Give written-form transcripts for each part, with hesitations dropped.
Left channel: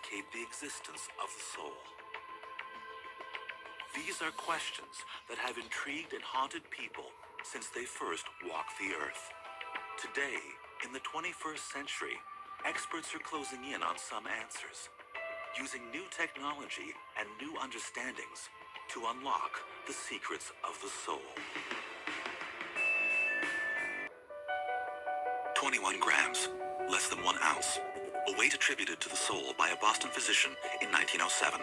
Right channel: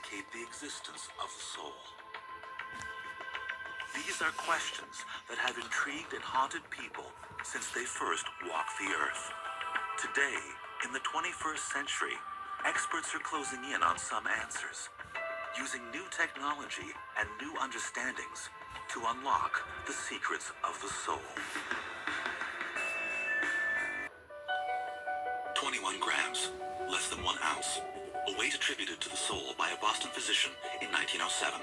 indicate the existence of the soul? These are questions that have intrigued and haunted people since they first walked the earth. Today, in the 21st century, experts are closing in on some answers, using new technology and new understandings to unlock the secrets of the soul. 21 grams, less than 1 ounce, a weight attributed to the soul by a Boston physician in 1907.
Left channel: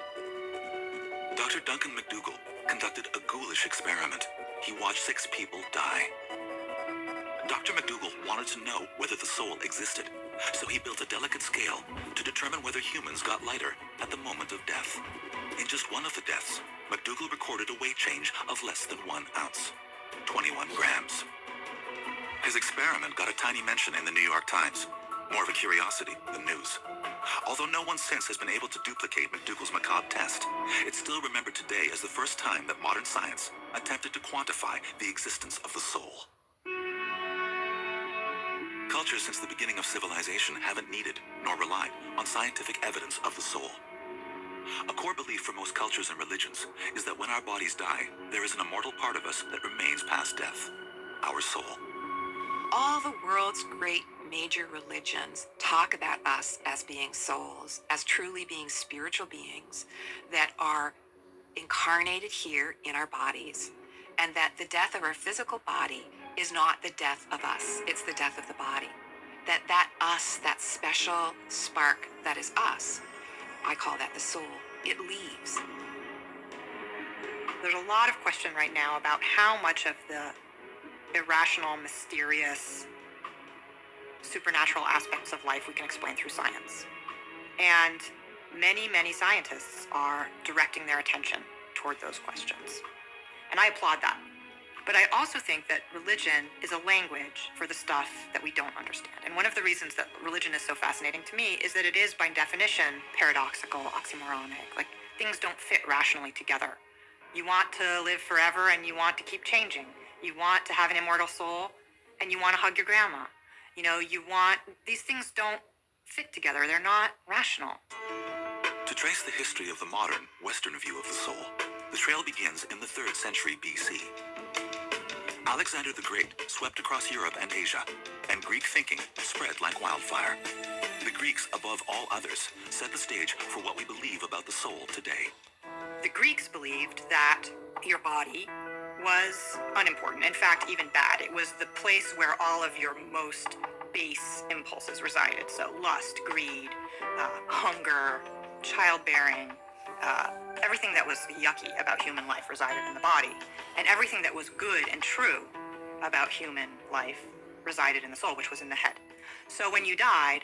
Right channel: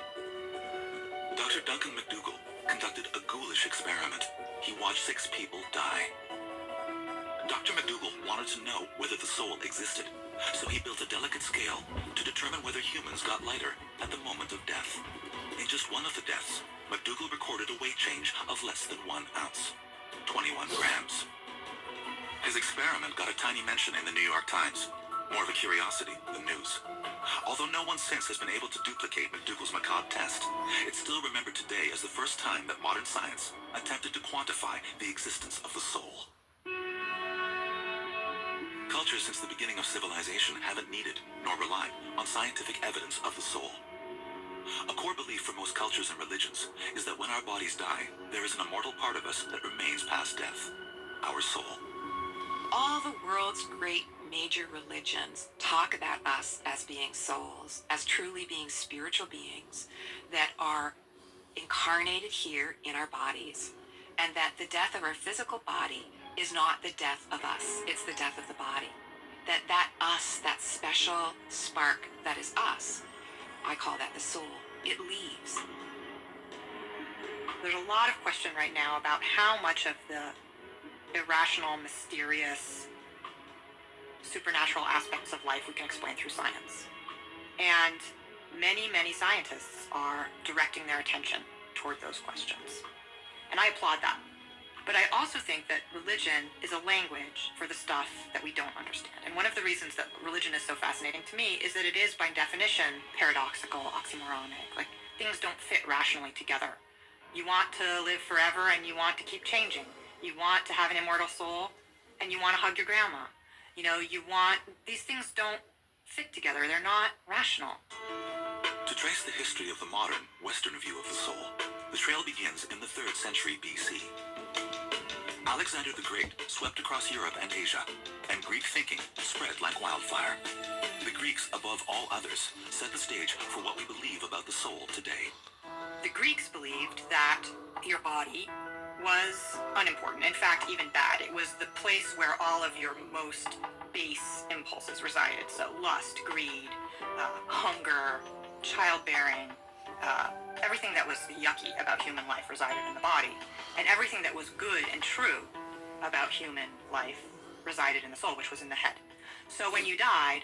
Dr. Duncan McDougall conducted a ghoulish experiment. He watched 6 people die. Dr. McDougall wanted to know whether the soul existed, so he built a delicate scale to determine whether humans got lighter at the moment of death. In just one of the deaths, McDougall recorded a weight change of less than 1 ounce, 21 grams. His experiment got a tiny mention in the New York Times, more of a curiosity than news. Although no one since has been able to duplicate McDougall's macabre test, it's still remembered today as the first time that modern science attempted to quantify the existence of the soul. Cultures since the beginning of civilization haven't needed nor relied on scientific evidence of the soul. A core belief for most cultures and religions is that when our bodies die, there is an immortal part of us that remains past death, our soul. All the world's great major religions talk about us as being souls, as truly being spiritual beings that are incarnated here in our bodies, and that the death of our physical body is not the death of us, it's the death of the body. That us, that special spark that is us, I call that the soul. It leaves. There's a lot of question right now about how much of the irrational, mysterious, supernatural aspects of life we can explain through science. And many, many scientists are directing their attention toward those questions. And I applaud that. But I also think that religion is a language for the stuff that we don't understand. And one of the reasons that religion is so fascinating to me is that it is, by definition, paradoxical, oxymoronic. Like, things don't fit rationally together. You want to live forever and you want to keep changing. You want to have an immortal soul and you want to hug your grandma. You know, these things don't fit together. They're not rational. To trace the history of the modern Western view of the soul, the trail begins in the 3rd century BC. Alexander the Great swept across Europe and Asia, and Greek thinking spread like wildfire. The Greeks, above all others, set the stage for what we believe about the soul today. The Greeks believed that your body was unimportant, in fact, even bad. It was the place where all of your most base impulses resided. So lust, greed, hunger, childbearing, everything that was yucky about human life resided in the body. And everything that was good and true about human life resided in the soul, which was in the head. So when you died,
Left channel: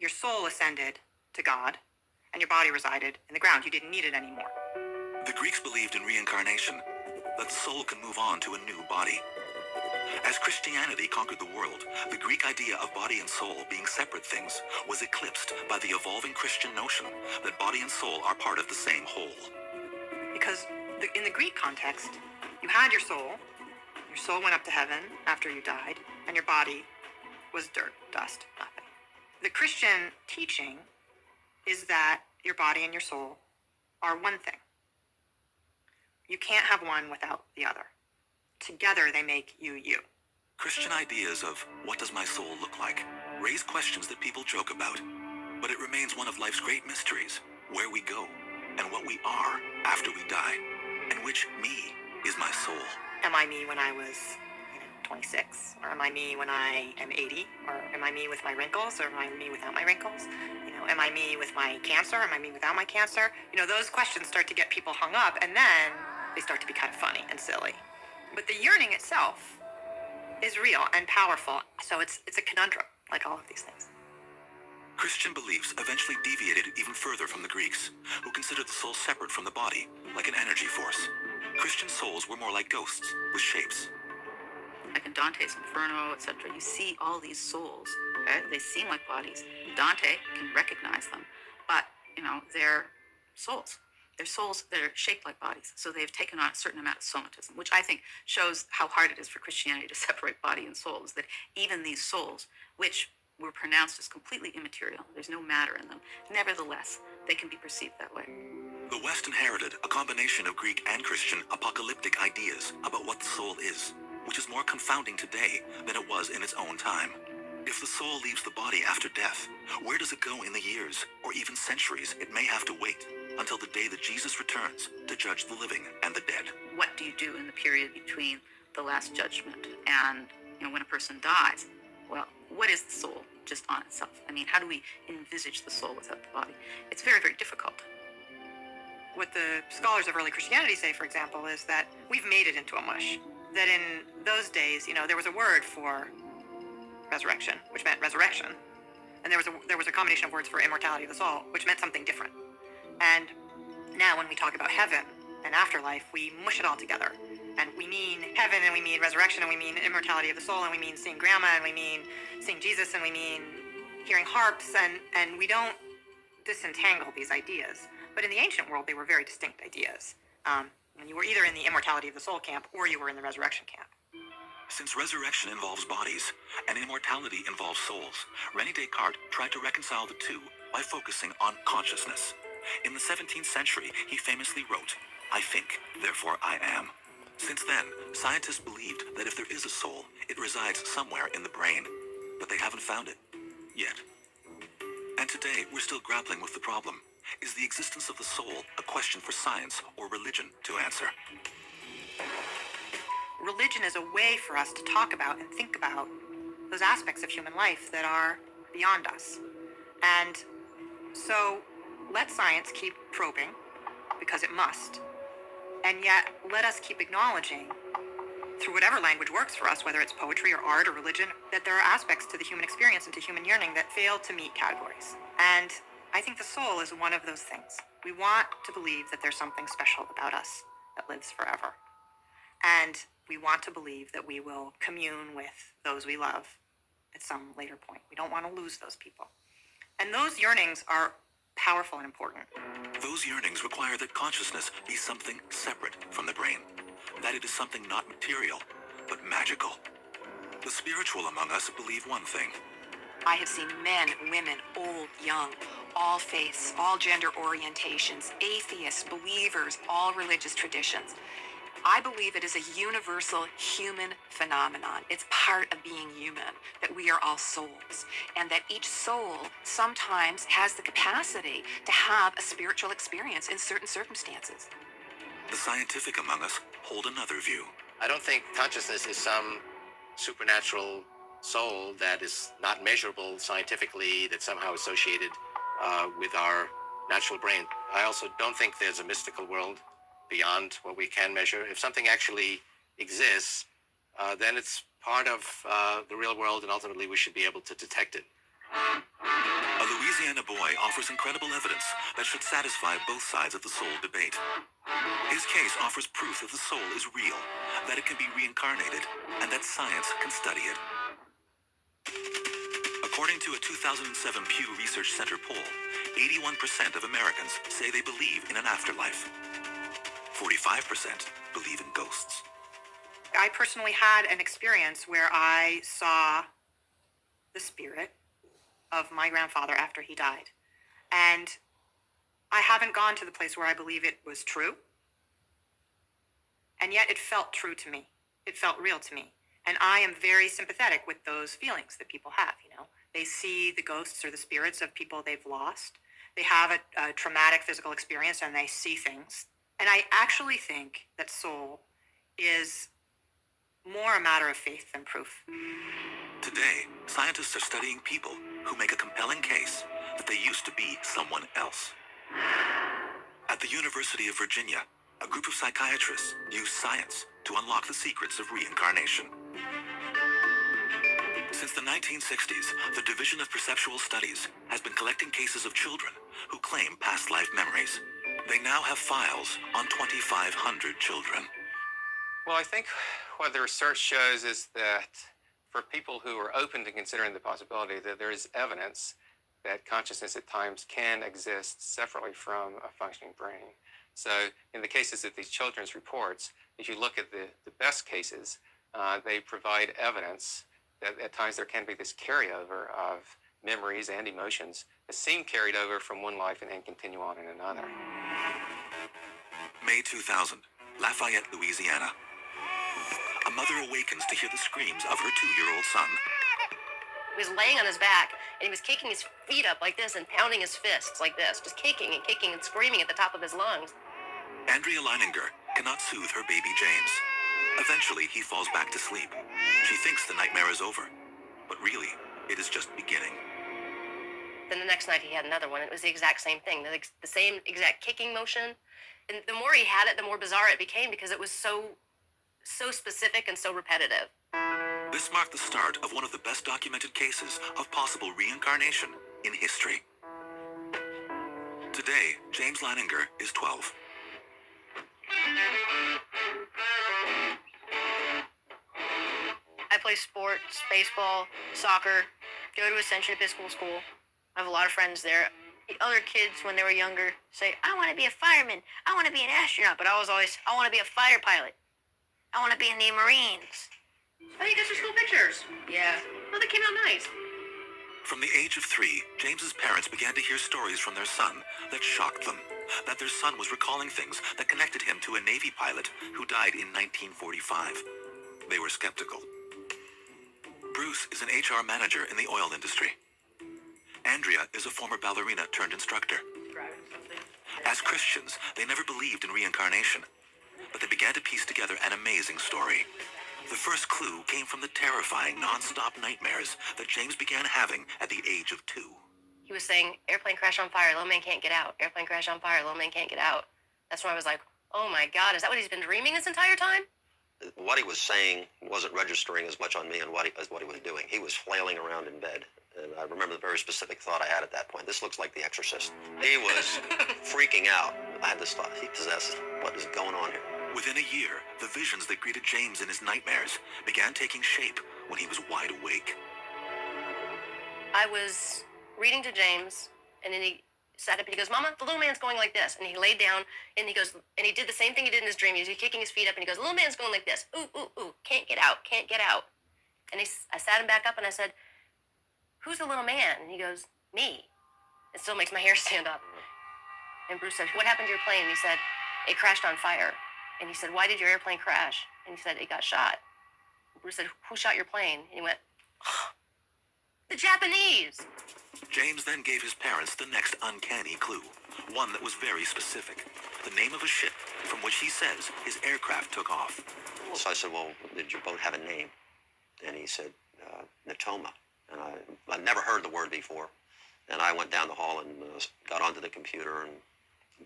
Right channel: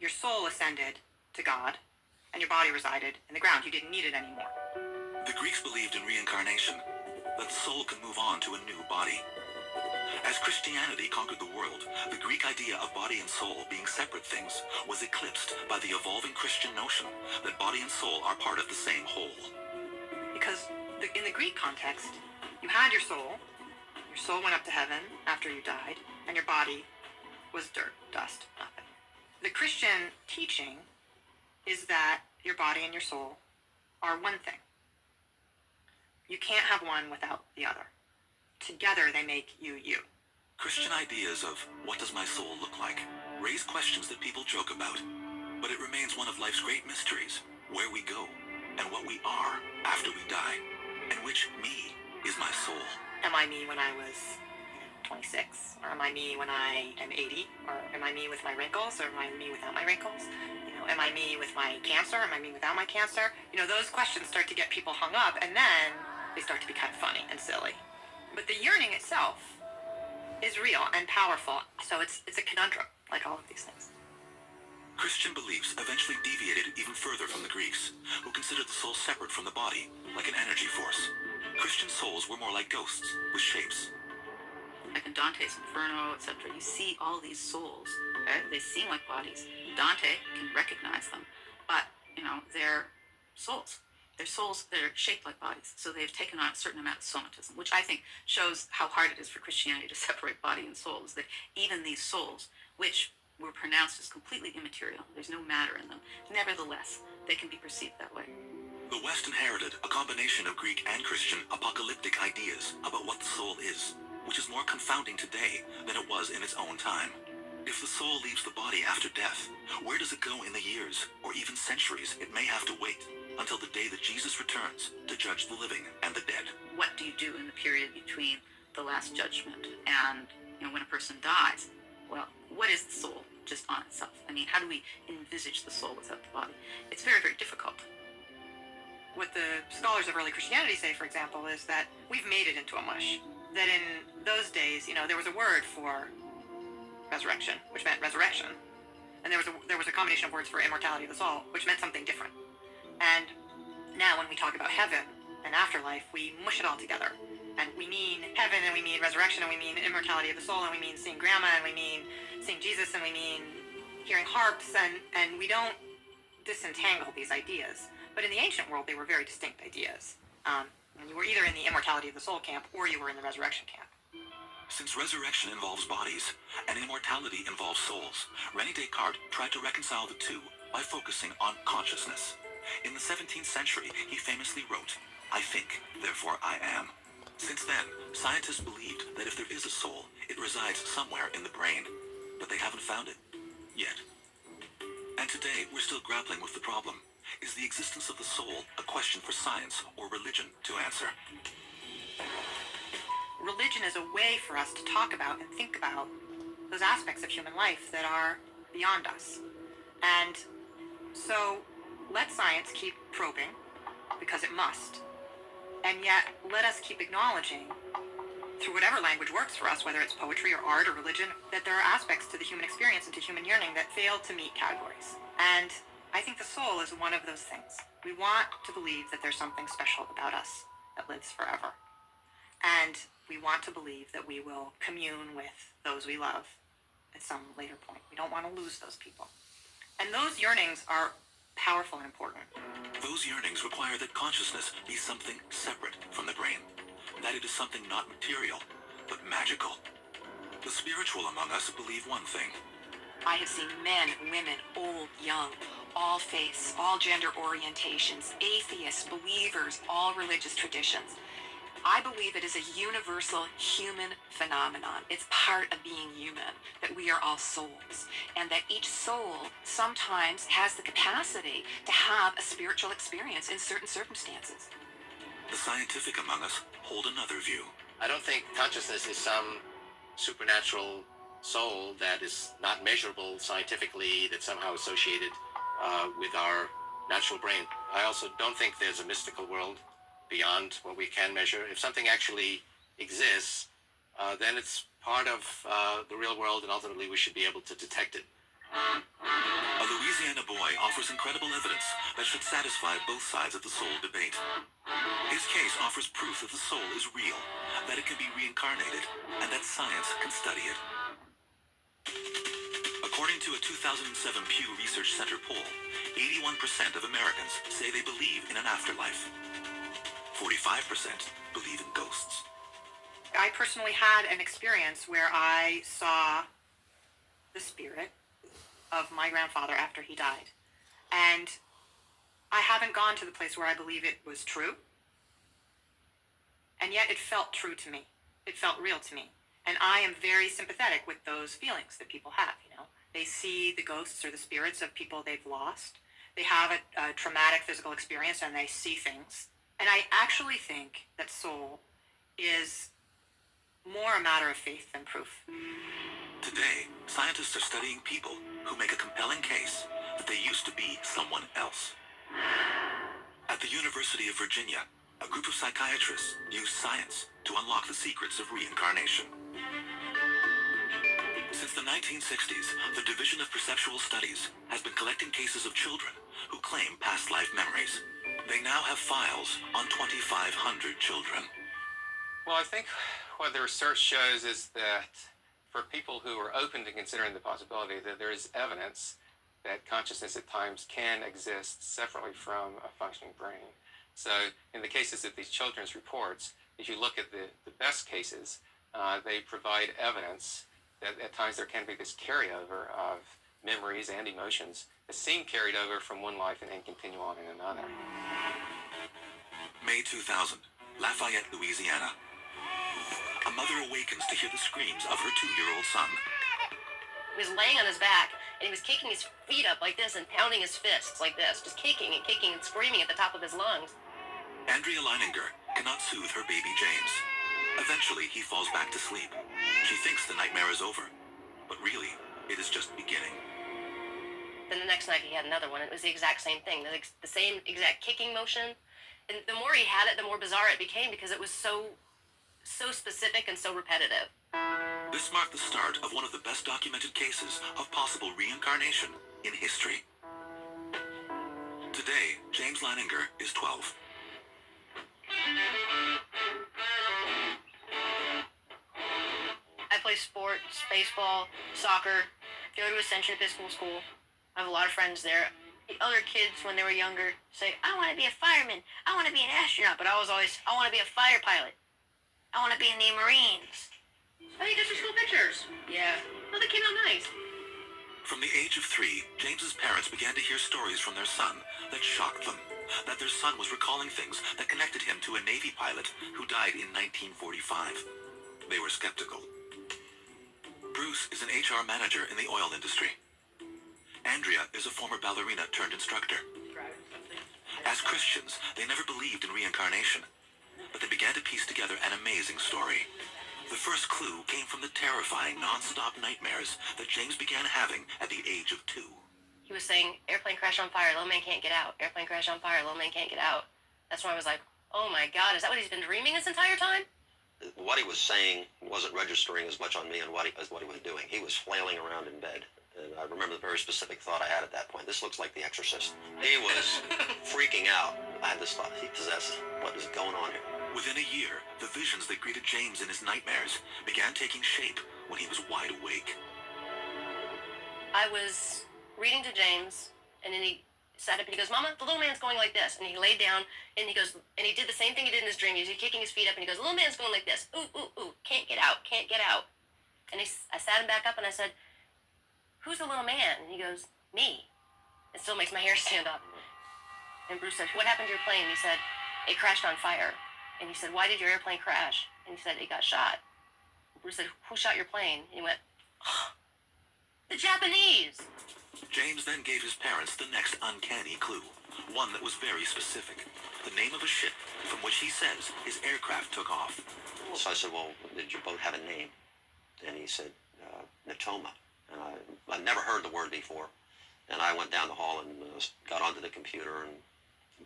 your soul ascended to God, and your body resided in the ground. You didn't need it anymore. The Greeks believed in reincarnation, that the soul can move on to a new body. As Christianity conquered the world, the Greek idea of body and soul being separate things was eclipsed by the evolving Christian notion that body and soul are part of the same whole. Because in the Greek context, you had your soul went up to heaven after you died, and your body was dirt, dust, nothing. The Christian teaching is that your body and your soul are one thing. You can't have one without the other. Together they make you you. Christian ideas of what does my soul look like raise questions that people joke about, but it remains one of life's great mysteries, where we go and what we are after we die, and which me is my soul. Am I me when I was 26? Or am I me when I am 80? Or am I me with my wrinkles? Or am I me without my wrinkles? Am I me with my cancer? Am I me without my cancer? Those questions start to get people hung up, and then they start to be kind of funny and silly. But the yearning itself is real and powerful. So it's a conundrum, like all of these things. Christian beliefs eventually deviated even further from the Greeks, who considered the soul separate from the body, like an energy force. Christian souls were more like ghosts, with shapes. Like in Dante's Inferno, etc., you see all these souls, okay? They seem like bodies. Dante can recognize them, but, they're souls. They're souls that are shaped like bodies. So they've taken on a certain amount of somatism, which I think shows how hard it is for Christianity to separate body and soul, is that even these souls, which were pronounced as completely immaterial. There's no matter in them. Nevertheless, they can be perceived that way. The West inherited a combination of Greek and Christian apocalyptic ideas about what the soul is, which is more confounding today than it was in its own time. If the soul leaves the body after death, where does it go in the years, or even centuries it may have to wait until the day that Jesus returns to judge the living and the dead? What do you do in the period between the last judgment and when a person dies? Well, what is the soul just on itself? I mean, how do we envisage the soul without the body? It's very, very difficult. What the scholars of early Christianity say, for example, is that we've made it into a mush. That in those days, there was a word for resurrection, which meant resurrection, and there was a combination of words for immortality of the soul, which meant something different. And now, when we talk about heaven and afterlife, we mush it all together, and we mean heaven, and we mean resurrection, and we mean immortality of the soul, and we mean seeing grandma, and we mean seeing Jesus, and we mean hearing harps, and we don't disentangle these ideas. But in the ancient world, they were very distinct ideas. And you were either in the immortality of the soul camp, or you were in the resurrection camp. Since resurrection involves bodies and immortality involves souls, René Descartes tried to reconcile the two by focusing on consciousness. In the 17th century, he famously wrote, "I think, therefore I am." Since then, scientists believed that if there is a soul, it resides somewhere in the brain, but they haven't found it yet. And today, we're still grappling with the problem. Is the existence of the soul a question for science or religion to answer? Religion is a way for us to talk about and think about those aspects of human life that are beyond us. And so let science keep probing, because it must. And yet let us keep acknowledging, through whatever language works for us, whether it's poetry or art or religion, that there are aspects to the human experience and to human yearning that fail to meet categories. And I think the soul is one of those things. We want to believe that there's something special about us that lives forever. And we want to believe that we will commune with those we love at some later point. We don't want to lose those people. And those yearnings are powerful and important. Those yearnings require that consciousness be something separate from the brain, that it is something not material, but magical. The spiritual among us believe one thing. I have seen men, women, old, young, all faiths, all gender orientations, atheists, believers, all religious traditions. I believe it is a universal human phenomenon. It's part of being human, that we are all souls, and that each soul sometimes has the capacity to have a spiritual experience in certain circumstances. The scientific among us hold another view. I don't think consciousness is some supernatural soul that is not measurable scientifically, that's somehow associated with our natural brain. I also don't think there's a mystical world beyond what we can measure. If something actually exists, then it's part of the real world, and ultimately we should be able to detect it. A Louisiana boy offers incredible evidence that should satisfy both sides of the soul debate. His case offers proof that the soul is real, that it can be reincarnated, and that science can study it. According to a 2007 Pew Research Center poll, 81% of Americans say they believe in an afterlife. 45% believe in ghosts. I personally had an experience where I saw the spirit of my grandfather after he died. And I haven't gone to the place where I believe it was true. And yet it felt true to me. It felt real to me. And I am very sympathetic with those feelings that people have, They see the ghosts or the spirits of people they've lost. They have a traumatic physical experience and they see things. And I actually think that soul is more a matter of faith than proof. Today, scientists are studying people who make a compelling case that they used to be someone else. At the University of Virginia, a group of psychiatrists use science to unlock the secrets of reincarnation. Since the 1960s, the Division of Perceptual Studies has been collecting cases of children who claim past life memories. They now have files on 2,500 children. Well, I think what the research shows is that for people who are open to considering the possibility that there is evidence that consciousness at times can exist separately from a functioning brain. So in the cases of these children's reports, if you look at the best cases, they provide evidence that at times there can be this carryover of memories and emotions that seem carried over from one life and continue on in another. May 2000, Lafayette, Louisiana. A mother awakens to hear the screams of her 2-year-old son. He was laying on his back, and he was kicking his feet up like this and pounding his fists like this, just kicking and screaming at the top of his lungs. Andrea Leininger cannot soothe her baby James. Eventually, he falls back to sleep. She thinks the nightmare is over, but really, it is just beginning. Then the next night he had another one. It was the exact same thing, the same exact kicking motion. And the more he had it, the more bizarre it became because it was so specific and so repetitive. This marked the start of one of the best documented cases of possible reincarnation in history. Today, James Leininger is 12. I play sports, baseball, soccer, go to Ascension Episcopal School. I have a lot of friends there. Other kids, when they were younger, say, I want to be a fireman. I want to be an astronaut. But I was always, I want to be a fighter pilot. I want to be in the Marines. Oh, you got your school pictures? Yeah. Well, they came out nice. From the age of 3, James's parents began to hear stories from their son that shocked them. That their son was recalling things that connected him to a Navy pilot who died in 1945. They were skeptical. Bruce is an HR manager in the oil industry. Andrea is a former ballerina turned instructor. As Christians, they never believed in reincarnation, but they began to piece together an amazing story. The first clue came from the terrifying, non-stop nightmares that James began having at the age of 2. He was saying, airplane crash on fire, little man can't get out. Airplane crash on fire, little man can't get out. That's when I was like, oh my God, is that what he's been dreaming this entire time? What he was saying wasn't registering as much on me as what he was doing. He was flailing around in bed. And I remember the very specific thought I had at that point. This looks like The Exorcist. He was freaking out. I had this thought, he possessed. What is going on here? Within a year, the visions that greeted James in his nightmares began taking shape when he was wide awake. I was reading to James, and then he sat up and he goes, Mama, the little man's going like this. And he laid down, and he goes, and he did the same thing he did in his dream. He was kicking his feet up, and he goes, the little man's going like this. Ooh, ooh, ooh, can't get out, can't get out. And I sat him back up, and I said, who's the little man? And he goes, me. It still makes my hair stand up. And Bruce said, what happened to your plane? And he said, it crashed on fire. And he said, why did your airplane crash? And he said, it got shot. And Bruce said, who shot your plane? And he went, oh, the Japanese. James then gave his parents the next uncanny clue, one that was very specific. The name of a ship from which he says his aircraft took off. So I said, well, did your boat have a name? And he said, Natoma. And I'd never heard the word before. And I went down the hall and got onto the computer and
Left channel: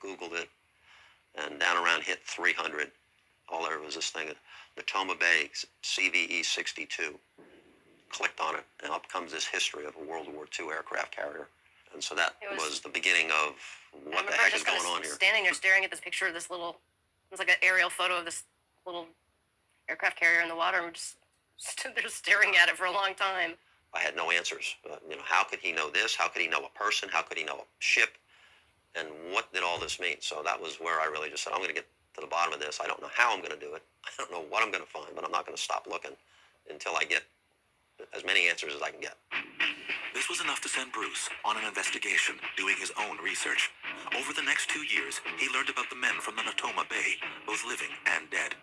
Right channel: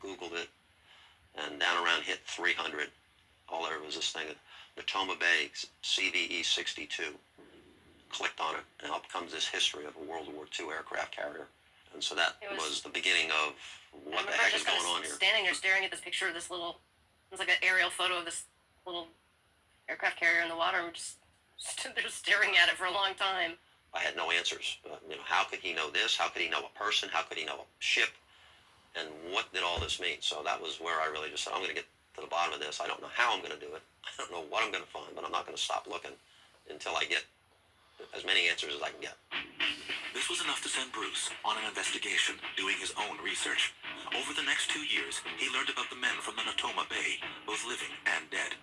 Googled it. And down around hit 300. All there was this thing, Natoma Bay, CVE 62. Clicked on it, and up comes this history of a World War II aircraft carrier. And so that was the beginning of what the heck is going on here. Standing there staring at this picture of this little, it was like an aerial photo of this little aircraft carrier in the water. We just stood there staring at it for a long time. I had no answers. How could he know this? How could he know a person? How could he know a ship? And what did all this mean? So that was where I really just said, I'm going to get to the bottom of this. I don't know how I'm going to do it. I don't know what I'm going to find, but I'm not going to stop looking until I get as many answers as I can get. This was enough to send Bruce on an investigation, doing his own research. Over the next 2 years, he learned about the men from the Natoma Bay, both living and dead.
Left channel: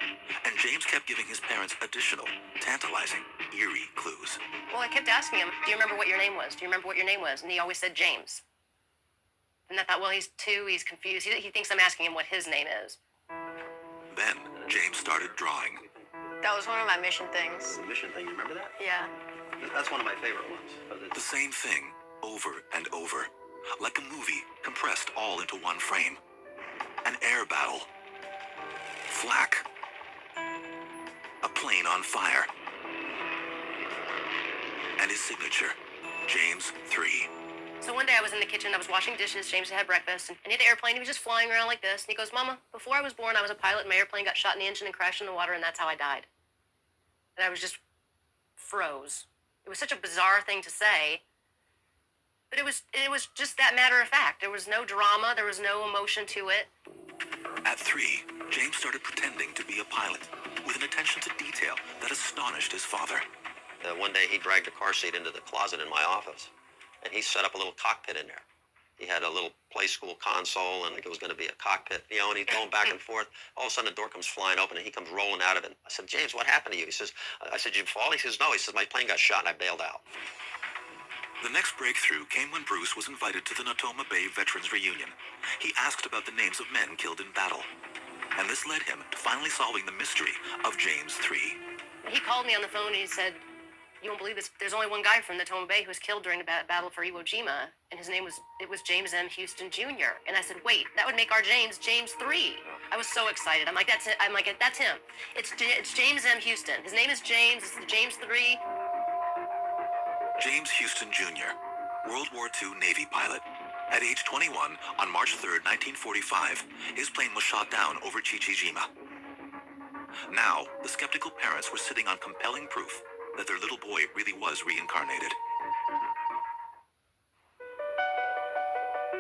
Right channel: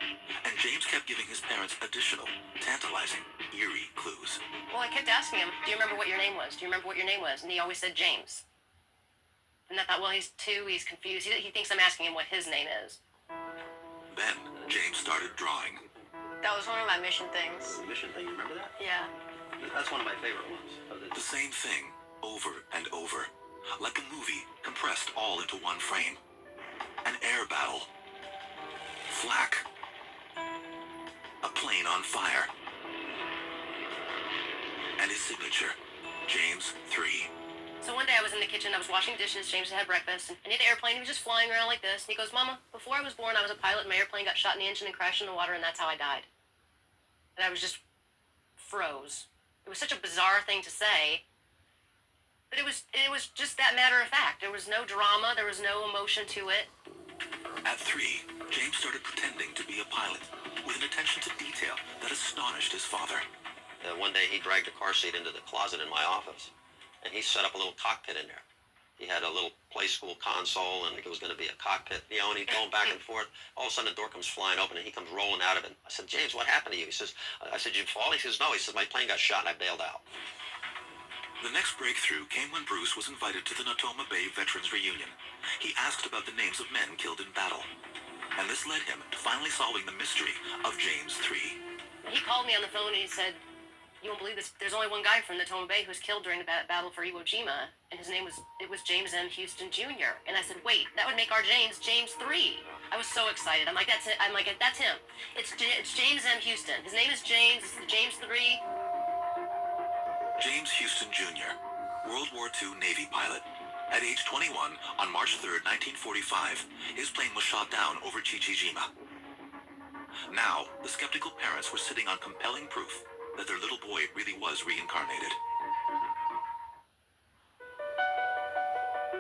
And James kept giving his parents additional, tantalizing, eerie clues. Well, I kept asking him, do you remember what your name was? Do you remember what your name was? And he always said James. And I thought, well, he's 2, he's confused. He thinks I'm asking him what his name is. Then, James started drawing. That was one of my mission things. The mission thing, you remember that? Yeah. That's one of my favorite ones. The same thing, over and over. Like a movie, compressed all into one frame. An air battle. Flak. A plane on fire. And his signature, James 3. So one day I was in the kitchen, I was washing dishes, James had breakfast, and he had an airplane, he was just flying around like this, and he goes, Mama, before I was born, I was a pilot, and my airplane got shot in the engine and crashed in the water, and that's how I died. And I was just froze. It was such a bizarre thing to say, but it was just that matter of fact. There was no drama, there was no emotion to it. At 3, James started pretending to be a pilot, with an attention to detail that astonished his father. one day he dragged a car seat into the closet in my office, and he set up a little cockpit in there. He had a little play school console, and it was going to be a cockpit, and he's going back and forth. All of a sudden, the door comes flying open, and he comes rolling out of it. I said, James, what happened to you? He says, I said, did you fall? He says, no. He says, my plane got shot, and I bailed out. The next breakthrough came when Bruce was invited to the Natoma Bay Veterans Reunion. He asked about the names of men killed in battle, and this led him to finally solving the mystery of James 3. He called me on the phone and he said, you won't believe this, there's only one guy from Natoma Bay who was killed during the battle for Iwo Jima, and his name was James M. Houston Jr. And I said, wait, that would make our James 3. I was so excited. I'm like, that's it. I'm like, that's him. It's James M. Houston. His name is James. It's the James 3. James Houston Jr., World War II Navy pilot. At age 21, on March 3, 1945, his plane was shot down over Chichijima. Now, the skeptical parents were sitting on compelling proof that their little boy really was reincarnated.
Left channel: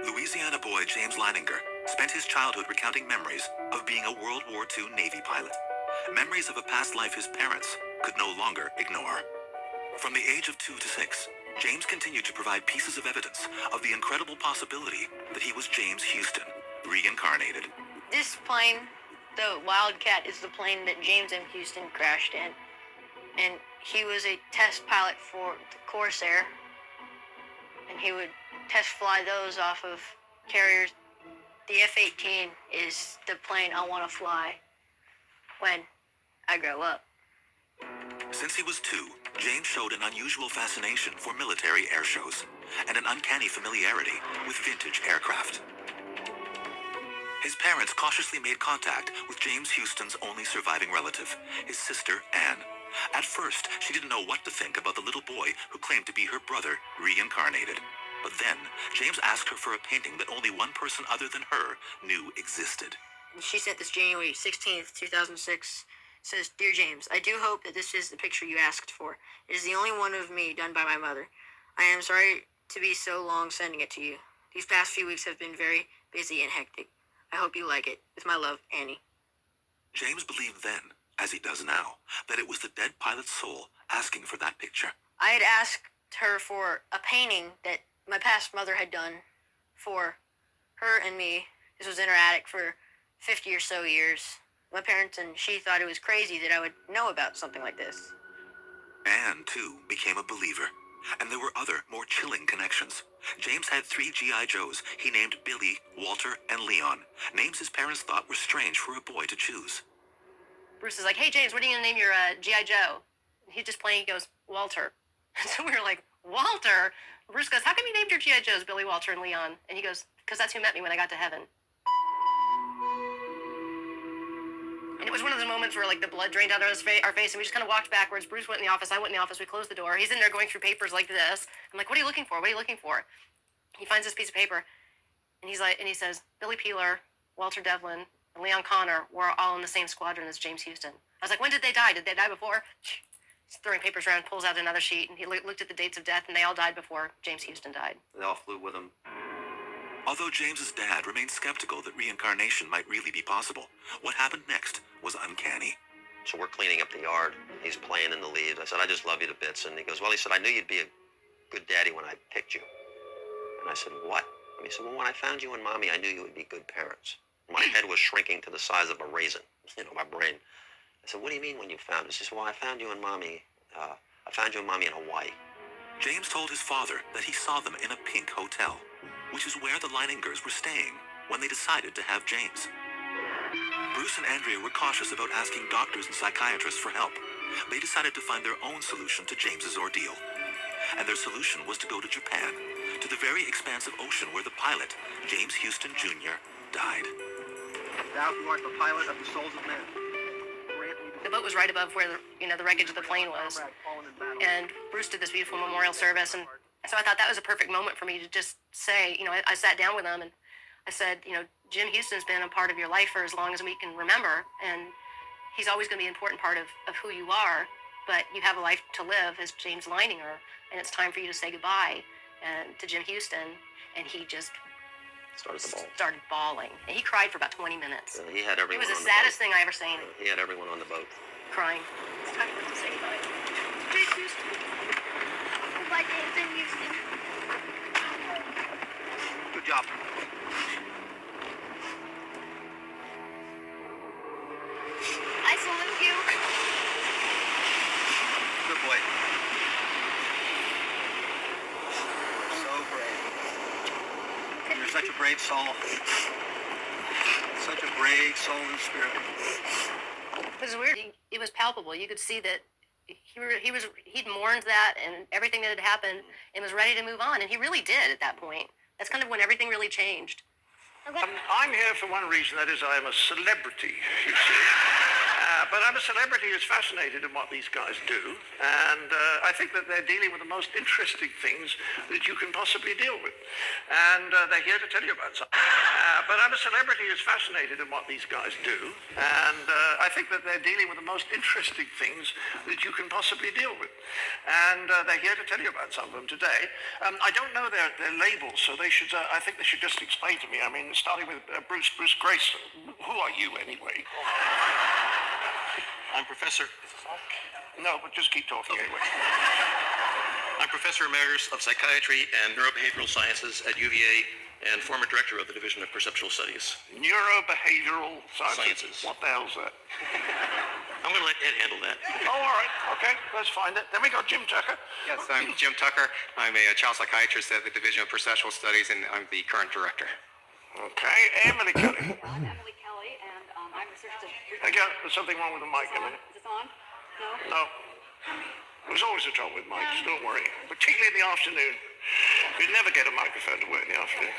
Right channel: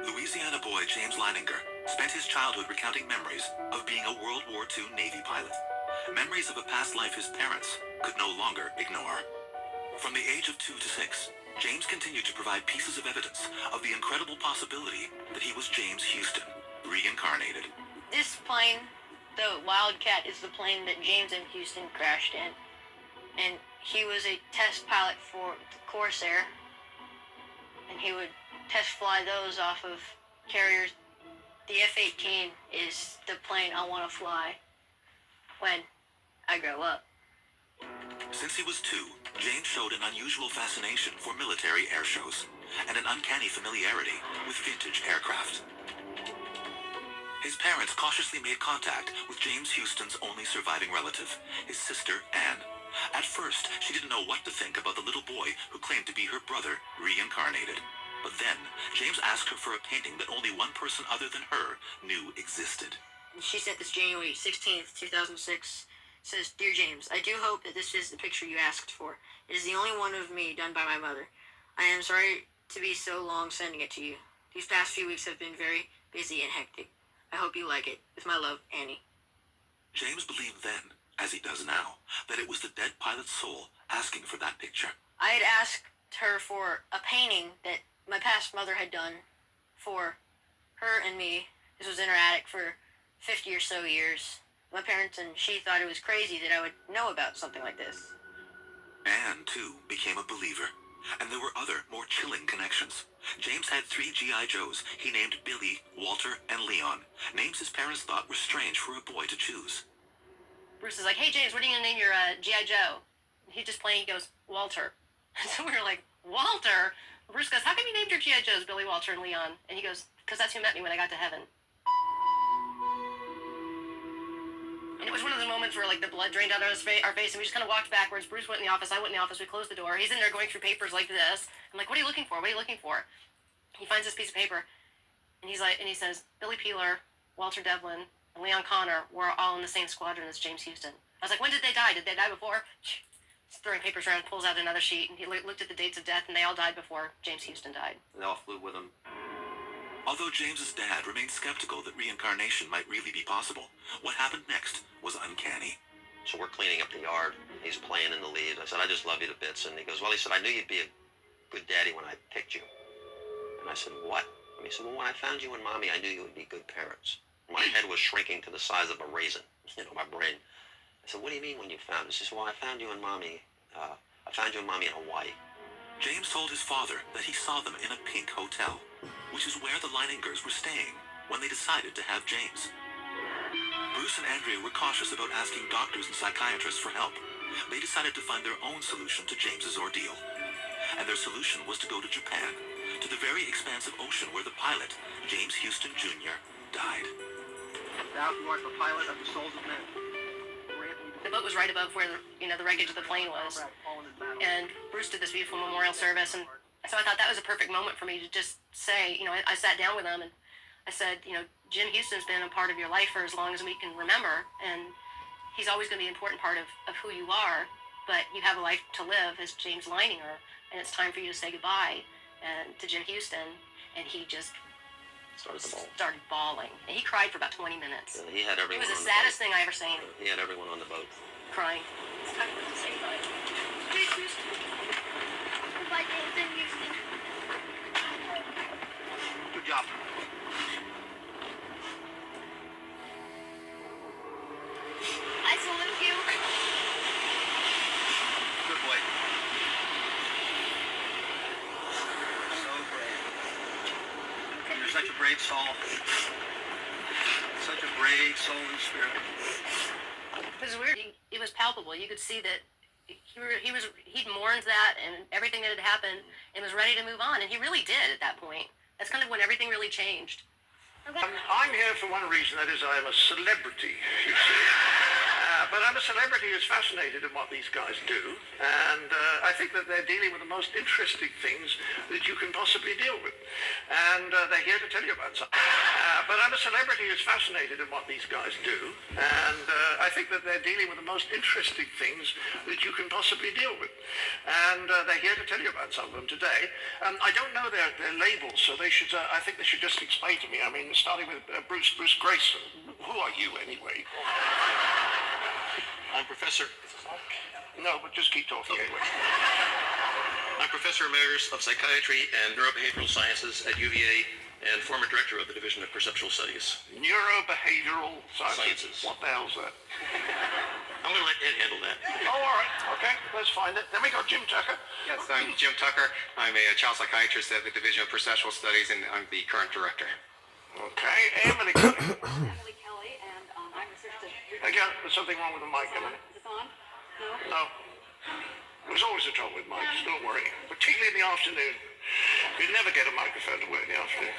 Louisiana boy James Leininger spent his childhood recounting memories of being a World War II Navy pilot. Memories of a past life his parents could no longer ignore. From the age of 2 to 6, James continued to provide pieces of evidence of the incredible possibility that he was James Houston, reincarnated. This plane, the Wildcat, is the plane that James M. Houston crashed in. And he was a test pilot for the Corsair. And he would test fly those off of carriers. The F-18 is the plane I want to fly when I grow up. Since he was 2, James showed an unusual fascination for military air shows and an uncanny familiarity with vintage aircraft. His parents cautiously made contact with James Houston's only surviving relative, his sister, Anne. At first, she didn't know what to think about the little boy who claimed to be her brother, reincarnated. But then, James asked her for a painting that only one person other than her knew existed. She sent this January 16th, 2006. Says, Dear James, I do hope that this is the picture you asked for. It is the only one of me done by my mother. I am sorry to be so long sending it to you. These past few weeks have been very busy and hectic. I hope you like it. With my love, Annie. James believed then, as he does now, that it was the dead pilot's soul asking for that picture. I had asked her for a painting that my past mother had done for her and me. This was in her attic for 50 or so years. My parents and she thought it was crazy that I would know about something like this. Anne, too, became a believer. And there were other, more chilling connections. James had 3 G.I. Joes he named Billy, Walter, and Leon. Names his parents thought were strange for a boy to choose. Bruce is like, hey, James, what are you going to name your G.I. Joe? And he's just playing, he goes, Walter. And so we were like, Walter? Bruce goes, how come you named your G.I. Joes Billy, Walter, and Leon? And he goes, because that's who met me when I got to heaven. And it was one of the moments where, like, the blood drained out of our face, and we just kind of walked backwards. Bruce went in the office, I went in the office, we closed the door. He's in there going through papers like this. I'm like, what are you looking for? What are you looking for? He finds this piece of paper, and he's like, and he says, Billy Peeler, Walter Devlin, and Leon Connor were all in the same squadron as James Houston. I was like, when did they die? Did they die before? He's throwing papers around, pulls out another sheet, and he looked at the dates of death, and they all died before James Houston died. They all flew with him. Although James's dad remained skeptical that reincarnation might really be possible, what happened next was uncanny. So we're cleaning up the yard. He's playing in the leaves. I said, I just love you to bits. And he goes, well, he said, I knew you'd be a good daddy when I picked you. And I said, what? And he said, well, when I found you and Mommy, I knew you would be good parents. My head was shrinking to the size of a raisin, my brain. I said, what do you mean when you found us? He said, well, I found you and Mommy in Hawaii. James told his father that he saw them in a pink hotel, which is where the Leiningers were staying when they decided to have James. Bruce and Andrea were cautious about asking doctors and psychiatrists for help. They decided to find their own solution to James's ordeal. And their solution was to go to Japan, to the very expansive ocean where the pilot, James Houston Jr., died. Thou who art the pilot of the souls of men. The boat was right above where the wreckage of the plane was. And Bruce did this beautiful memorial service, and so I thought that was a perfect moment for me to just say, I sat down with him and I said, Jim Houston's been a part of your life for as long as we can remember, and he's always going to be an important part of who you are, but you have a life to live as James Leininger, and it's time for you to say goodbye to Jim Houston. And he just started bawling. And he cried for about 20 minutes. He had everyone. It was the on saddest the boat. thing I ever seen. He had everyone on the boat. Crying. It's time for us to say goodbye. Goodbye, James and Houston. Good job. I salute you. Good boy. So brave. You're such a brave soul. Such a brave soul and spirit. It was weird. It was palpable. You could see that he'd mourned that and everything that had happened and was ready to move on. And he really did at that point. That's kind of when everything really changed. I'm here for one reason, that is I'm a celebrity, you see. But I'm a celebrity who's fascinated in what these guys do, and I think that they're dealing with the most interesting things that you can possibly deal with. And they're here to tell you about something. But I'm a celebrity who's fascinated in what these guys do, and I think that they're dealing with the most interesting things that you can possibly deal with. And they're here to tell you about some of them today. I don't know their labels, so they should. I think they should just explain to me. I mean, starting with Bruce Grace. Who are you anyway? I'm Professor. No, but just keep talking anyway. I'm Professor Emeritus of Psychiatry and Neurobehavioral Sciences at UVA and former Director of the Division of Perceptual Studies. Neurobehavioral sciences. What the hell's that? I'm going to let Ed handle that. Oh, all right. Okay, let's find it. Then we got Jim Tucker. Yes, I'm Jim Tucker. I'm a child psychiatrist at the Division of Perceptual Studies, and I'm the current director. Okay, Emily Kelly. Emily Kelly, and I'm research. Again, there's something wrong with the mic, Emily. Is this on? No? No. There's always a trouble with mics, don't worry. Particularly in the afternoon. We never get a microphone to work in the afternoon.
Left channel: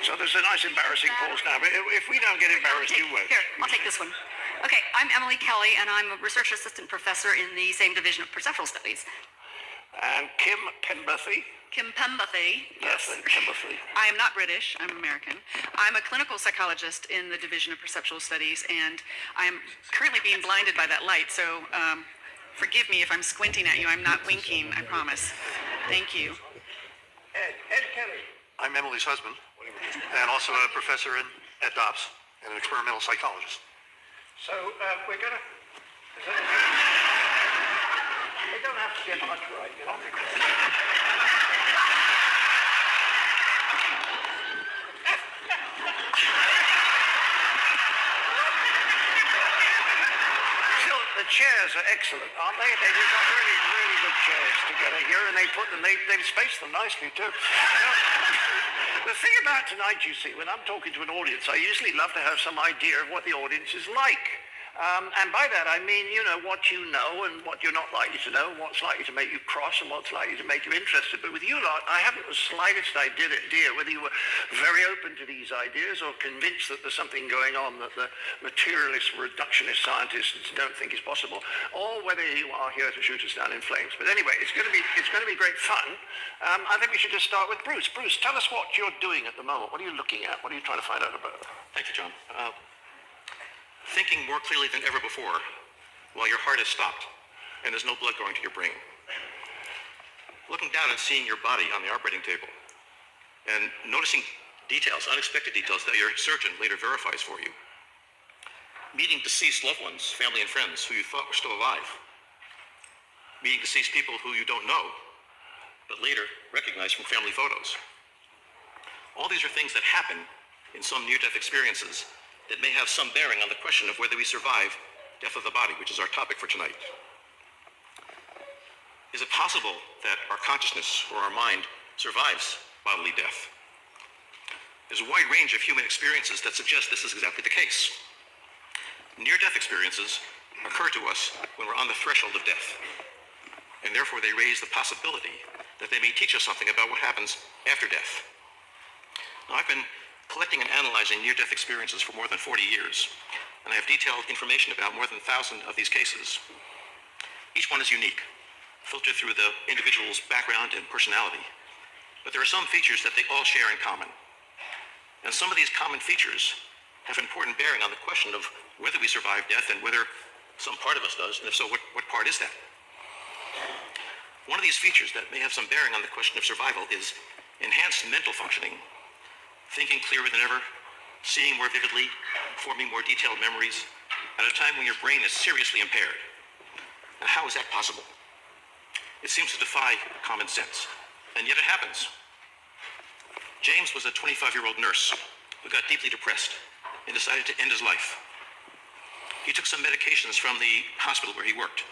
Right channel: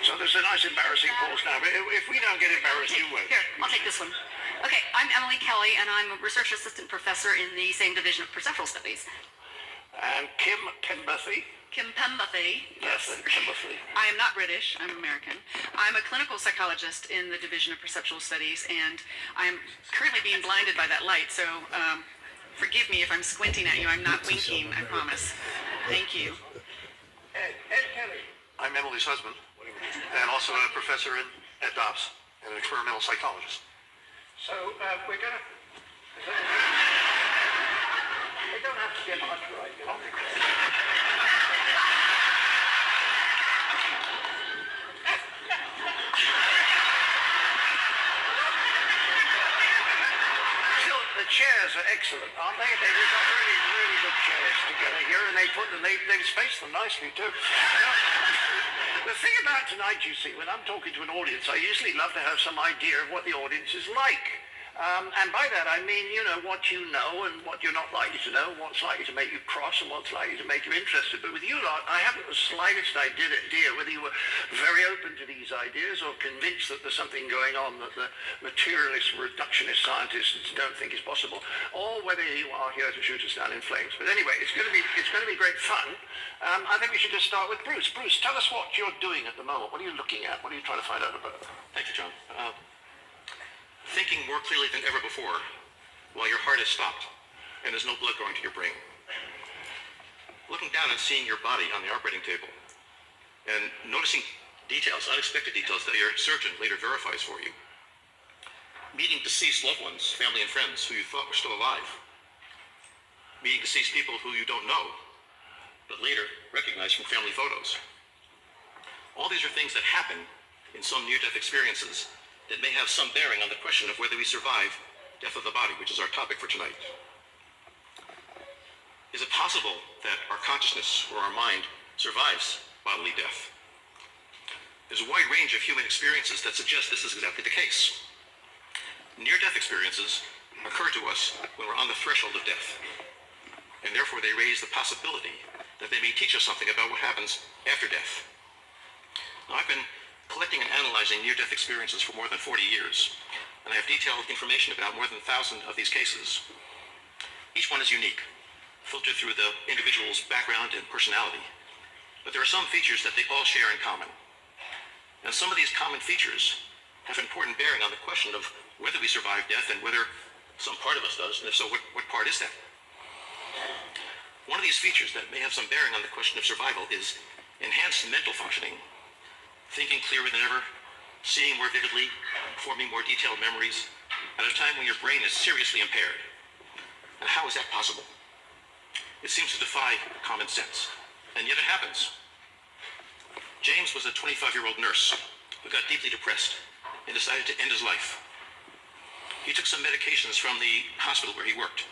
So there's a nice embarrassing pause now, but if we don't get embarrassed, you won't. Here, I'll take this one. Okay, I'm Emily Kelly, and I'm a research assistant professor in the same division of perceptual studies. And Kim Pemberthy. Kim Pemberthy. Yes, Pemberthy. I am not British, I'm American. I'm a clinical psychologist in the division of perceptual studies, and I'm currently being blinded by that light, so forgive me if I'm squinting at you. I'm not winking, I promise. Thank you. Ed Kelly. I'm Emily's husband, and also a professor at DOPS and an experimental psychologist. So we're gonna. We don't have to get much right, you know. Still, the chairs are excellent, aren't they? We've got really, really good chairs together here, and they've spaced them nicely too. The thing about tonight, you see, when I'm talking to an audience, I usually love to have some idea of what the audience is like. And by that I mean, you know, what you know and what you're not likely to know, what's likely to make you cross and what's likely to make you interested. But with you lot, I haven't the slightest idea whether you were very open to these ideas or convinced that there's something going on that the materialist, reductionist scientists don't think is possible, or whether you are here to shoot us down in flames. But anyway, it's going to be great fun. I think we should just start with Bruce. Bruce, tell us what you're doing at the moment. What are you looking at? What are you trying to find out about? Thank you, John. Thinking more clearly than ever before while your heart is stopped and there's no blood going to your brain. Looking down and seeing your body on the operating table and noticing details, unexpected details that your surgeon later verifies for you. Meeting deceased loved ones, family and friends who you thought were still alive. Meeting deceased people who you don't know, but later recognize from family photos. All these are things that happen in some near-death experiences that may have some bearing on the question of whether we survive death of the body, which is our topic for tonight. Is it possible that our consciousness or our mind survives bodily death? There's a wide range of human experiences that suggest this is exactly the case. Near-death experiences occur to us when we're on the threshold of death, and therefore they raise the possibility that they may teach us something about what happens after death. Now, I've been collecting and analyzing near-death experiences for more than 40 years, and I have detailed information about more than 1,000 of these cases. Each one is unique, filtered through the individual's background and personality, but there are some features that they all share in common. And some of these common features have important bearing on the question of whether we survive death and whether some part of us does, and if so, what part is that? One of these features that may have some bearing on the question of survival is enhanced mental functioning, thinking clearer than ever, seeing more vividly, forming more detailed memories, at a time when your brain is seriously impaired. And how is that possible? It seems to defy common sense, and yet it happens. James was a 25-year-old nurse who got deeply depressed and decided to end his life. He took some medications from the hospital where he worked,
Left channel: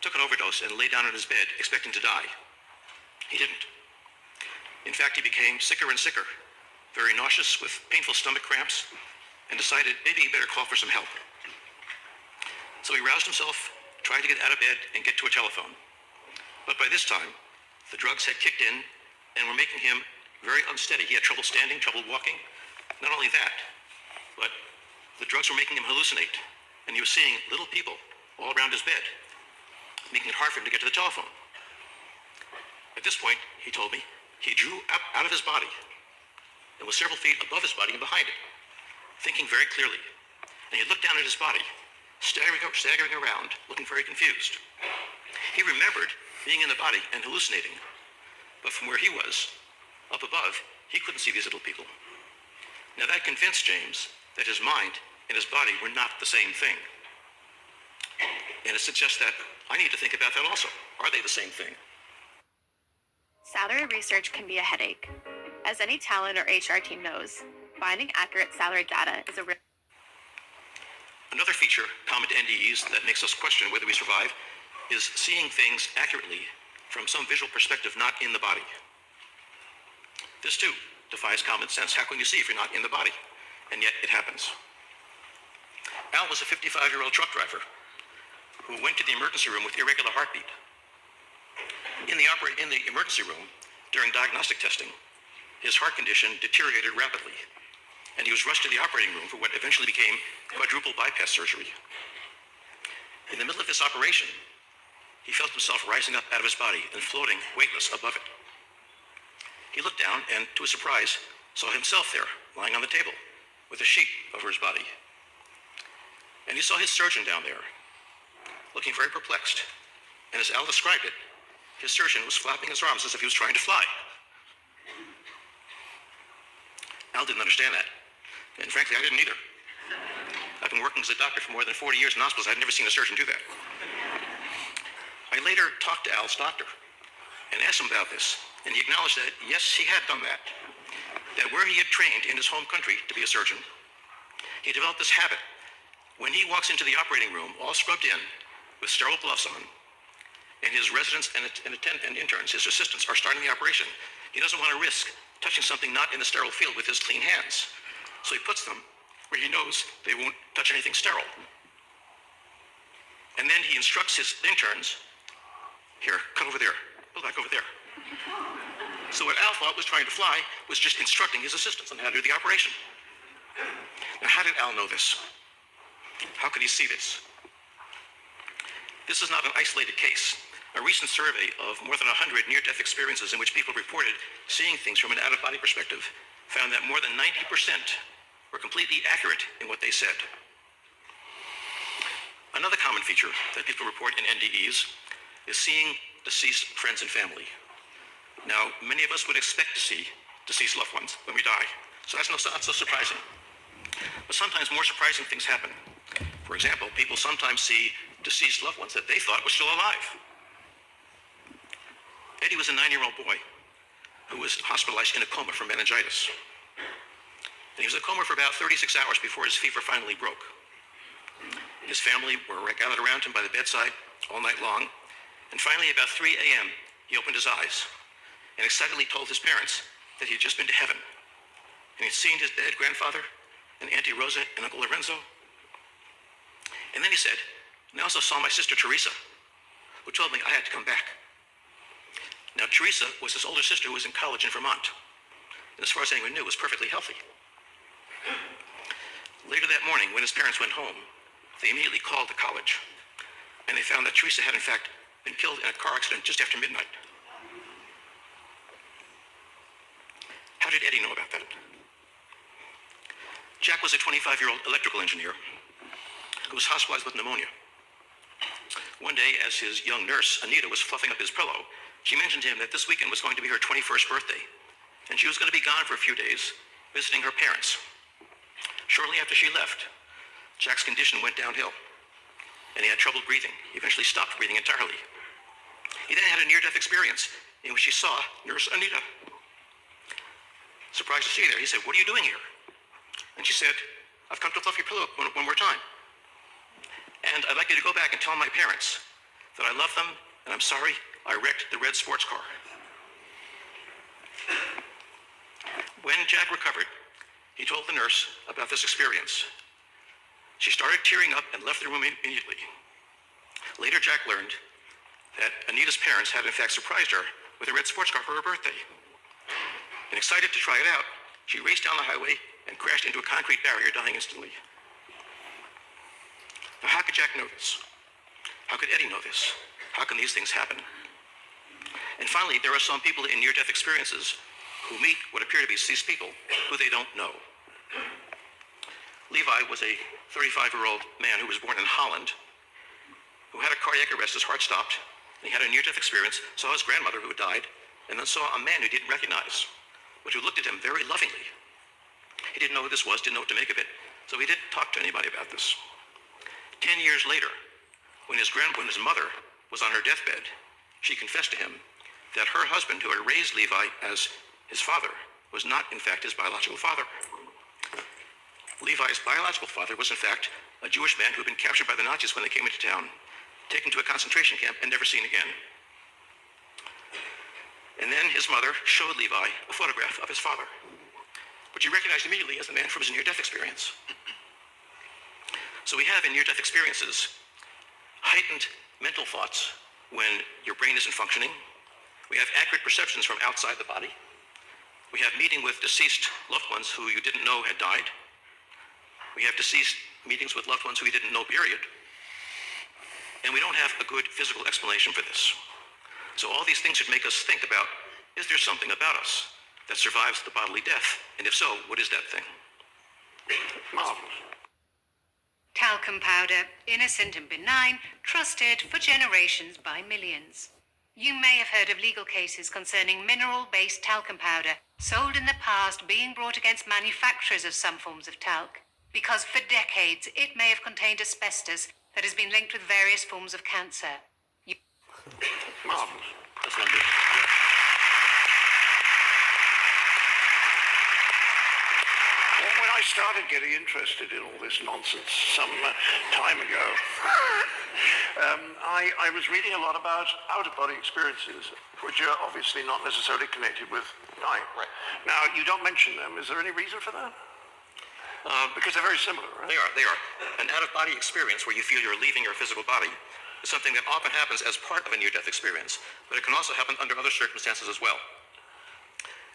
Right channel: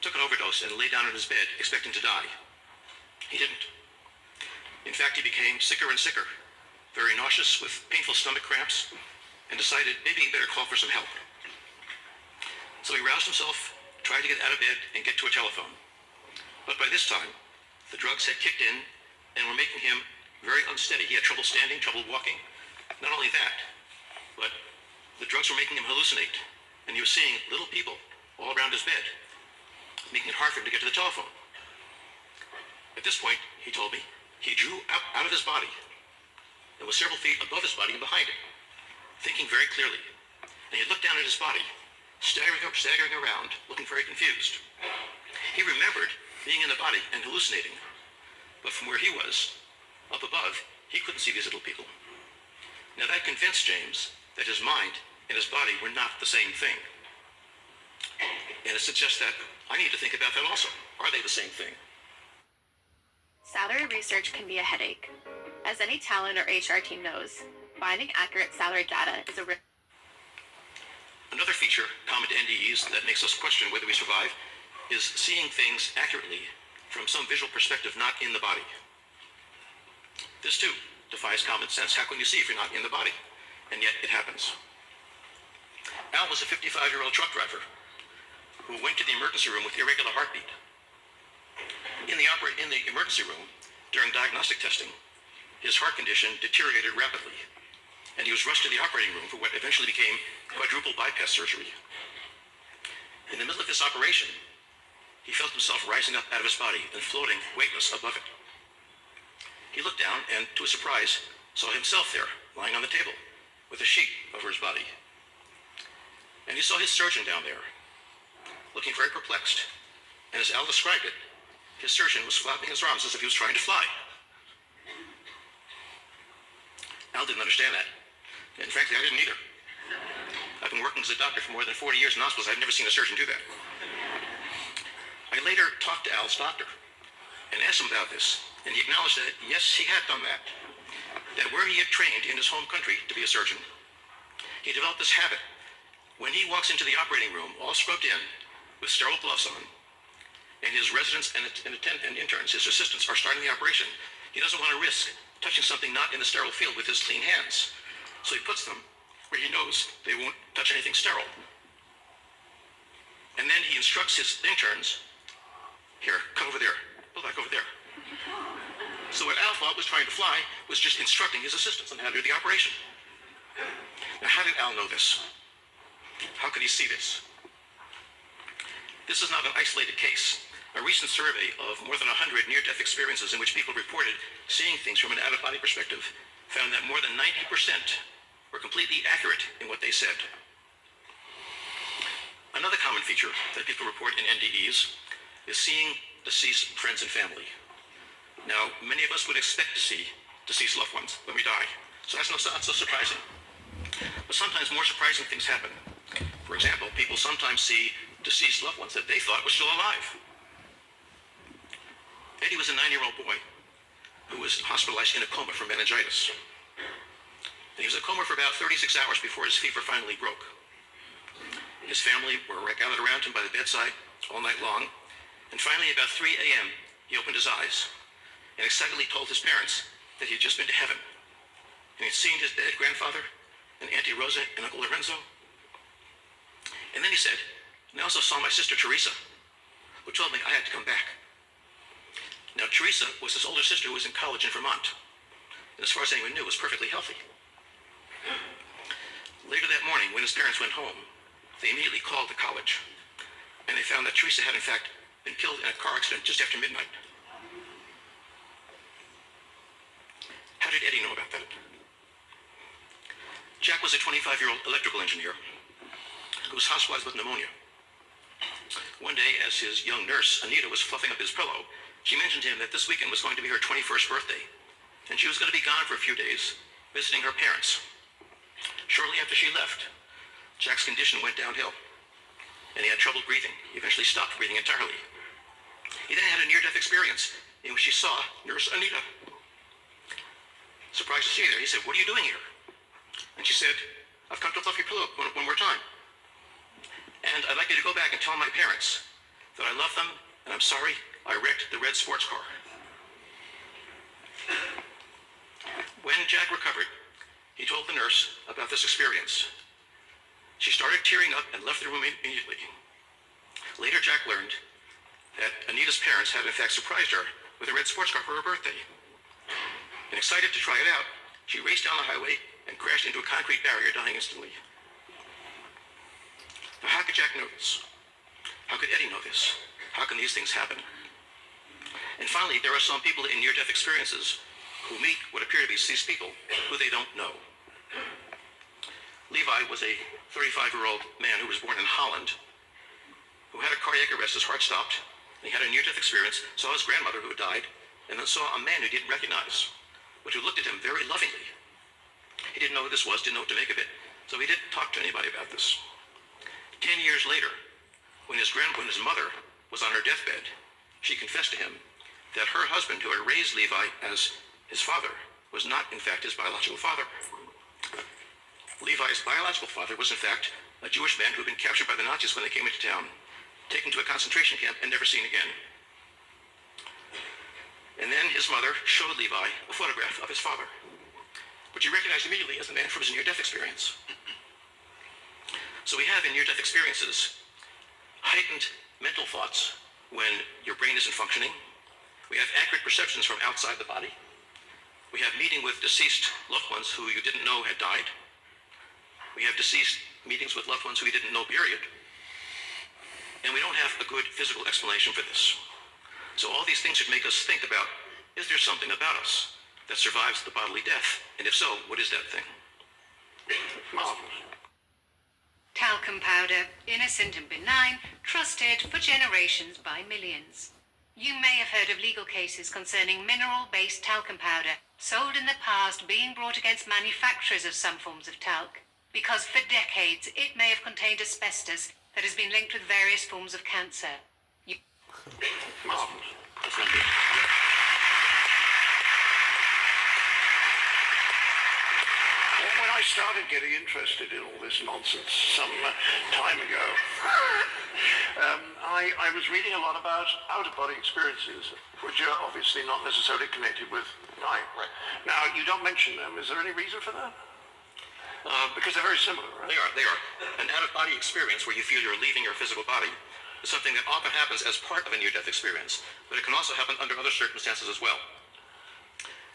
took an overdose, and lay down in his bed expecting to die. He didn't. In fact, he became sicker and sicker, very nauseous with painful stomach cramps, and decided maybe he better call for some help. So he roused himself, tried to get out of bed and get to a telephone. But by this time, the drugs had kicked in and were making him very unsteady. He had trouble standing, trouble walking. Not only that, but the drugs were making him hallucinate, and he was seeing little people all around his bed, making it hard for him to get to the telephone. At this point, he told me, he drew up out of his body and was several feet above his body and behind it, thinking very clearly. And he looked down at his body, staggering around, looking very confused. He remembered being in the body and hallucinating, but from where he was, up above, he couldn't see these little people. Now that convinced James that his mind and his body were not the same thing. And it suggests that I need to think about that also. Are they the same thing? Salary research can be a headache. As any talent or HR team knows, finding accurate salary data is a risk. Another feature common to NDEs that makes us question whether we survive is seeing things accurately from some visual perspective not in the body. This too defies common sense. How can you see if you're not in the body? And yet it happens. Al was a 55-year-old truck driver who went to the emergency room with irregular heartbeat. In the emergency room, during diagnostic testing, his heart condition deteriorated rapidly, and he was rushed to the operating room for what eventually became quadruple bypass surgery. In the middle of this operation, he felt himself rising up out of his body and floating weightless above it. He looked down and, to his surprise, saw himself there, lying on the table, with a sheet over his body. And he saw his surgeon down there, looking very perplexed. And as Al described it, his surgeon was flapping his arms as if he was trying to fly. Al didn't understand that. And frankly, I didn't either. I've been working as a doctor for more than 40 years in hospitals. I've never seen a surgeon do that. I later talked to Al's doctor and asked him about this, and he acknowledged that, yes, he had done that. That where he had trained in his home country to be a surgeon, he developed this habit. When he walks into the operating room, all scrubbed in, with sterile gloves on, and his residents and interns, his assistants, are starting the operation, he doesn't want to risk touching something not in the sterile field with his clean hands. So he puts them where he knows they won't touch anything sterile. And then he instructs his interns, here, cut over there, pull back over there. So what Al thought was trying to fly was just instructing his assistants on how to do the operation. Now, how did Al know this? How could he see this? This is not an isolated case. A recent survey of more than 100 near-death experiences in which people reported seeing things from an out-of-body perspective found that more than 90% were completely accurate in what they said. Another common feature that people report in NDEs is seeing deceased friends and family. Now, many of us would expect to see deceased loved ones when we die, so that's not so surprising. But sometimes more surprising things happen. For example, people sometimes see deceased loved ones that they thought were still alive. Eddie was a 9-year-old boy who was hospitalized in a coma for meningitis. And he was in a coma for about 36 hours before his fever finally broke. His family were gathered around him by the bedside all night long, and finally about 3 a.m. he opened his eyes and excitedly told his parents that he had just been to heaven, and he'd seen his dead grandfather and Auntie Rosa and Uncle Lorenzo. And then he said, and I also saw my sister Teresa, who told me I had to come back. Now, Teresa was his older sister who was in college in Vermont, and as far as anyone knew, was perfectly healthy. Later that morning, when his parents went home, they immediately called the college, and they found that Teresa had in fact been killed in a car accident just after midnight. How did Eddie know about that? Jack was a 25-year-old electrical engineer who was hospitalized with pneumonia. One day, as his young nurse, Anita, was fluffing up his pillow, she mentioned to him that this weekend was going to be her 21st birthday, and she was going to be gone for a few days, visiting her parents. Shortly after she left, Jack's condition went downhill. and he had trouble breathing. He eventually stopped breathing entirely. He then had a near-death experience in which he saw Nurse Anita. Surprised to see her there, he said, "What are you doing here?" And she said, "I've come to fluff your pillow one more time. And I'd like you to go back and tell my parents that I love them, and I'm sorry I wrecked the red sports car." When Jack recovered, he told the nurse about this experience. She started tearing up and left the room immediately. Later, Jack learned that Anita's parents had in fact surprised her with a red sports car for her birthday. And excited to try it out, she raced down the highway and crashed into a concrete barrier, dying instantly. Now, how could Jack know this? How could Eddie know this? How can these things happen? And finally, there are some people in near-death experiences who meet what appear to be deceased people who they don't know. Levi was a 35-year-old man who was born in Holland, who had a cardiac arrest. His heart stopped, and he had a near-death experience, saw his grandmother who had died, and then saw a man who he didn't recognize, but who looked at him very lovingly. He didn't know who this was, didn't know what to make of it, so he didn't talk to anybody about this. 10 years later, when his mother was on her deathbed, she confessed to him that her husband, who had raised Levi as his father, was not, in fact, his biological father. Levi's biological father was, in fact, a Jewish man who had been captured by the Nazis when they came into town, taken to a concentration camp, and never seen again. And then his mother showed Levi a photograph of his father, which he recognized immediately as the man from his near-death experience. So we have in near-death experiences heightened mental thoughts when your brain isn't functioning. We have accurate perceptions from outside the body. We have meeting with deceased loved ones who you didn't know had died. We have deceased meetings with loved ones who we didn't know, period. And we don't have a good physical explanation for this. So all these things should make us think about, is there something about us that survives the bodily death? And if so, what is that thing? Marvelous. Talcum powder, innocent and benign, trusted for generations by millions. You may have heard of legal cases concerning mineral-based talcum powder sold in the past being brought against manufacturers of some forms of talc, because for decades it may have contained asbestos that has been linked with various forms of cancer. Marvelous. That's not good. When I started getting interested in all this nonsense some time ago, I was reading a lot about out-of-body experiences, which are obviously not necessarily connected with dying. Right. Now, you don't mention them. Is there any reason for that? Because they're very similar, right? They are. An out-of-body experience where you feel you're leaving your physical body is something that often happens as part of a near-death experience, but it can also happen under other circumstances as well.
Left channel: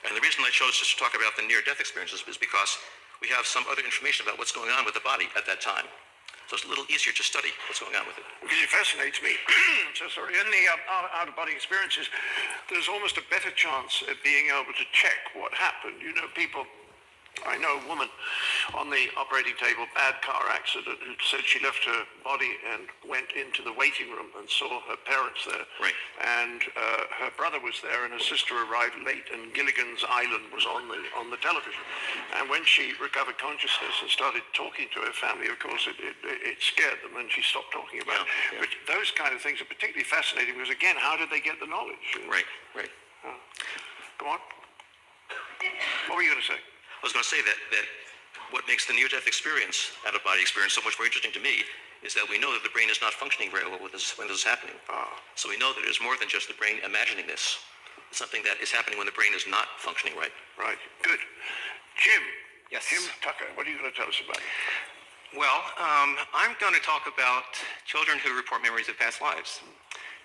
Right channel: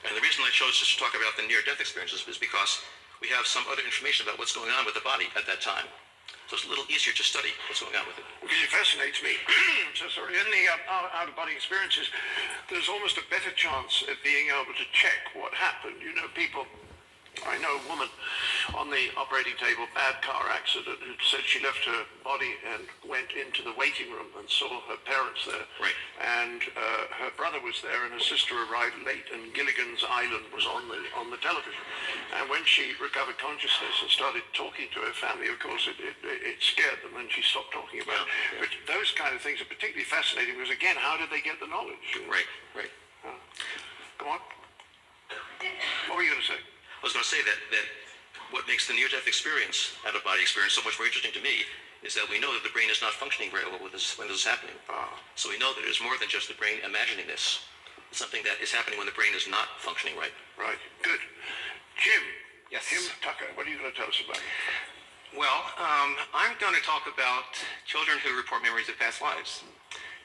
And the reason I chose just to talk about the near-death experiences is because we have some other information about what's going on with the body at that time. So it's a little easier to study what's going on with it. It fascinates me. So sorry. In the out-of-body experiences, there's almost a better chance at being able to check what happened. You know, people... I know a woman on the operating table, bad car accident, who said she left her body and went into the waiting room and saw her parents there. Right. And her brother was there, and her sister arrived late, and Gilligan's Island was on the television. And when she recovered consciousness and started talking to her family, of course, it scared them, and she stopped talking about it. Yeah. But those kind of things are particularly fascinating because, again, how did they get the knowledge? Right. Go on. What were you going to say? I was going to say that what makes the near-death experience, out-of-body experience, so much more interesting to me is that we know that the brain is not functioning very well when this is happening. So we know that there's more than just the brain imagining this. It's something that is happening when the brain is not functioning right. Right. Good. Jim. Yes. Jim Tucker, what are you going to tell us about? Well, I'm going to talk about children who report memories of past lives.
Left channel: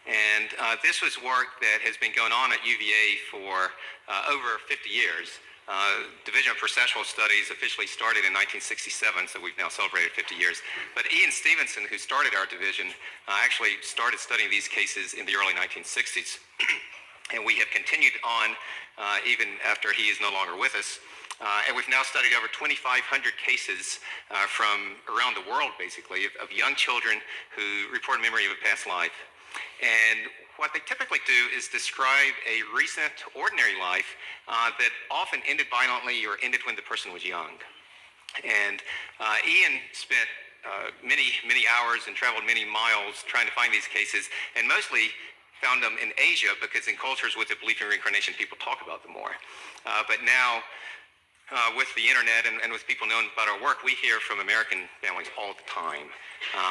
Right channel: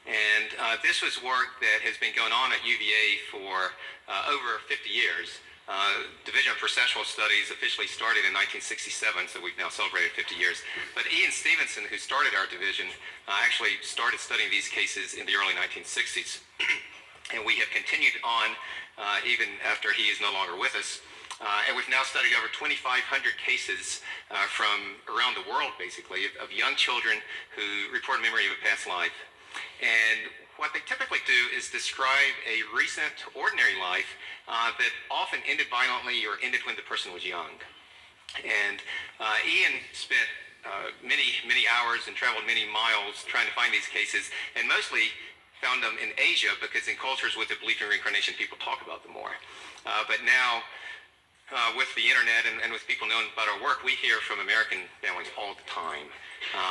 And this was work that has been going on at UVA for over 50 years. Division of Perceptual Studies officially started in 1967, so we've now celebrated 50 years. But Ian Stevenson, who started our division, actually started studying these cases in the early 1960s. And we have continued on even after he is no longer with us. And we've now studied over 2,500 cases from around the world, basically, of young children who report memory of a past life. And what they typically do is describe a recent, ordinary life that often ended violently or ended when the person was young. And Ian spent many hours and traveled many miles trying to find these cases, and mostly found them in Asia because in cultures with a belief in reincarnation, people talk about them more. But now, with the internet and with people knowing about our work, we hear from American families all the time.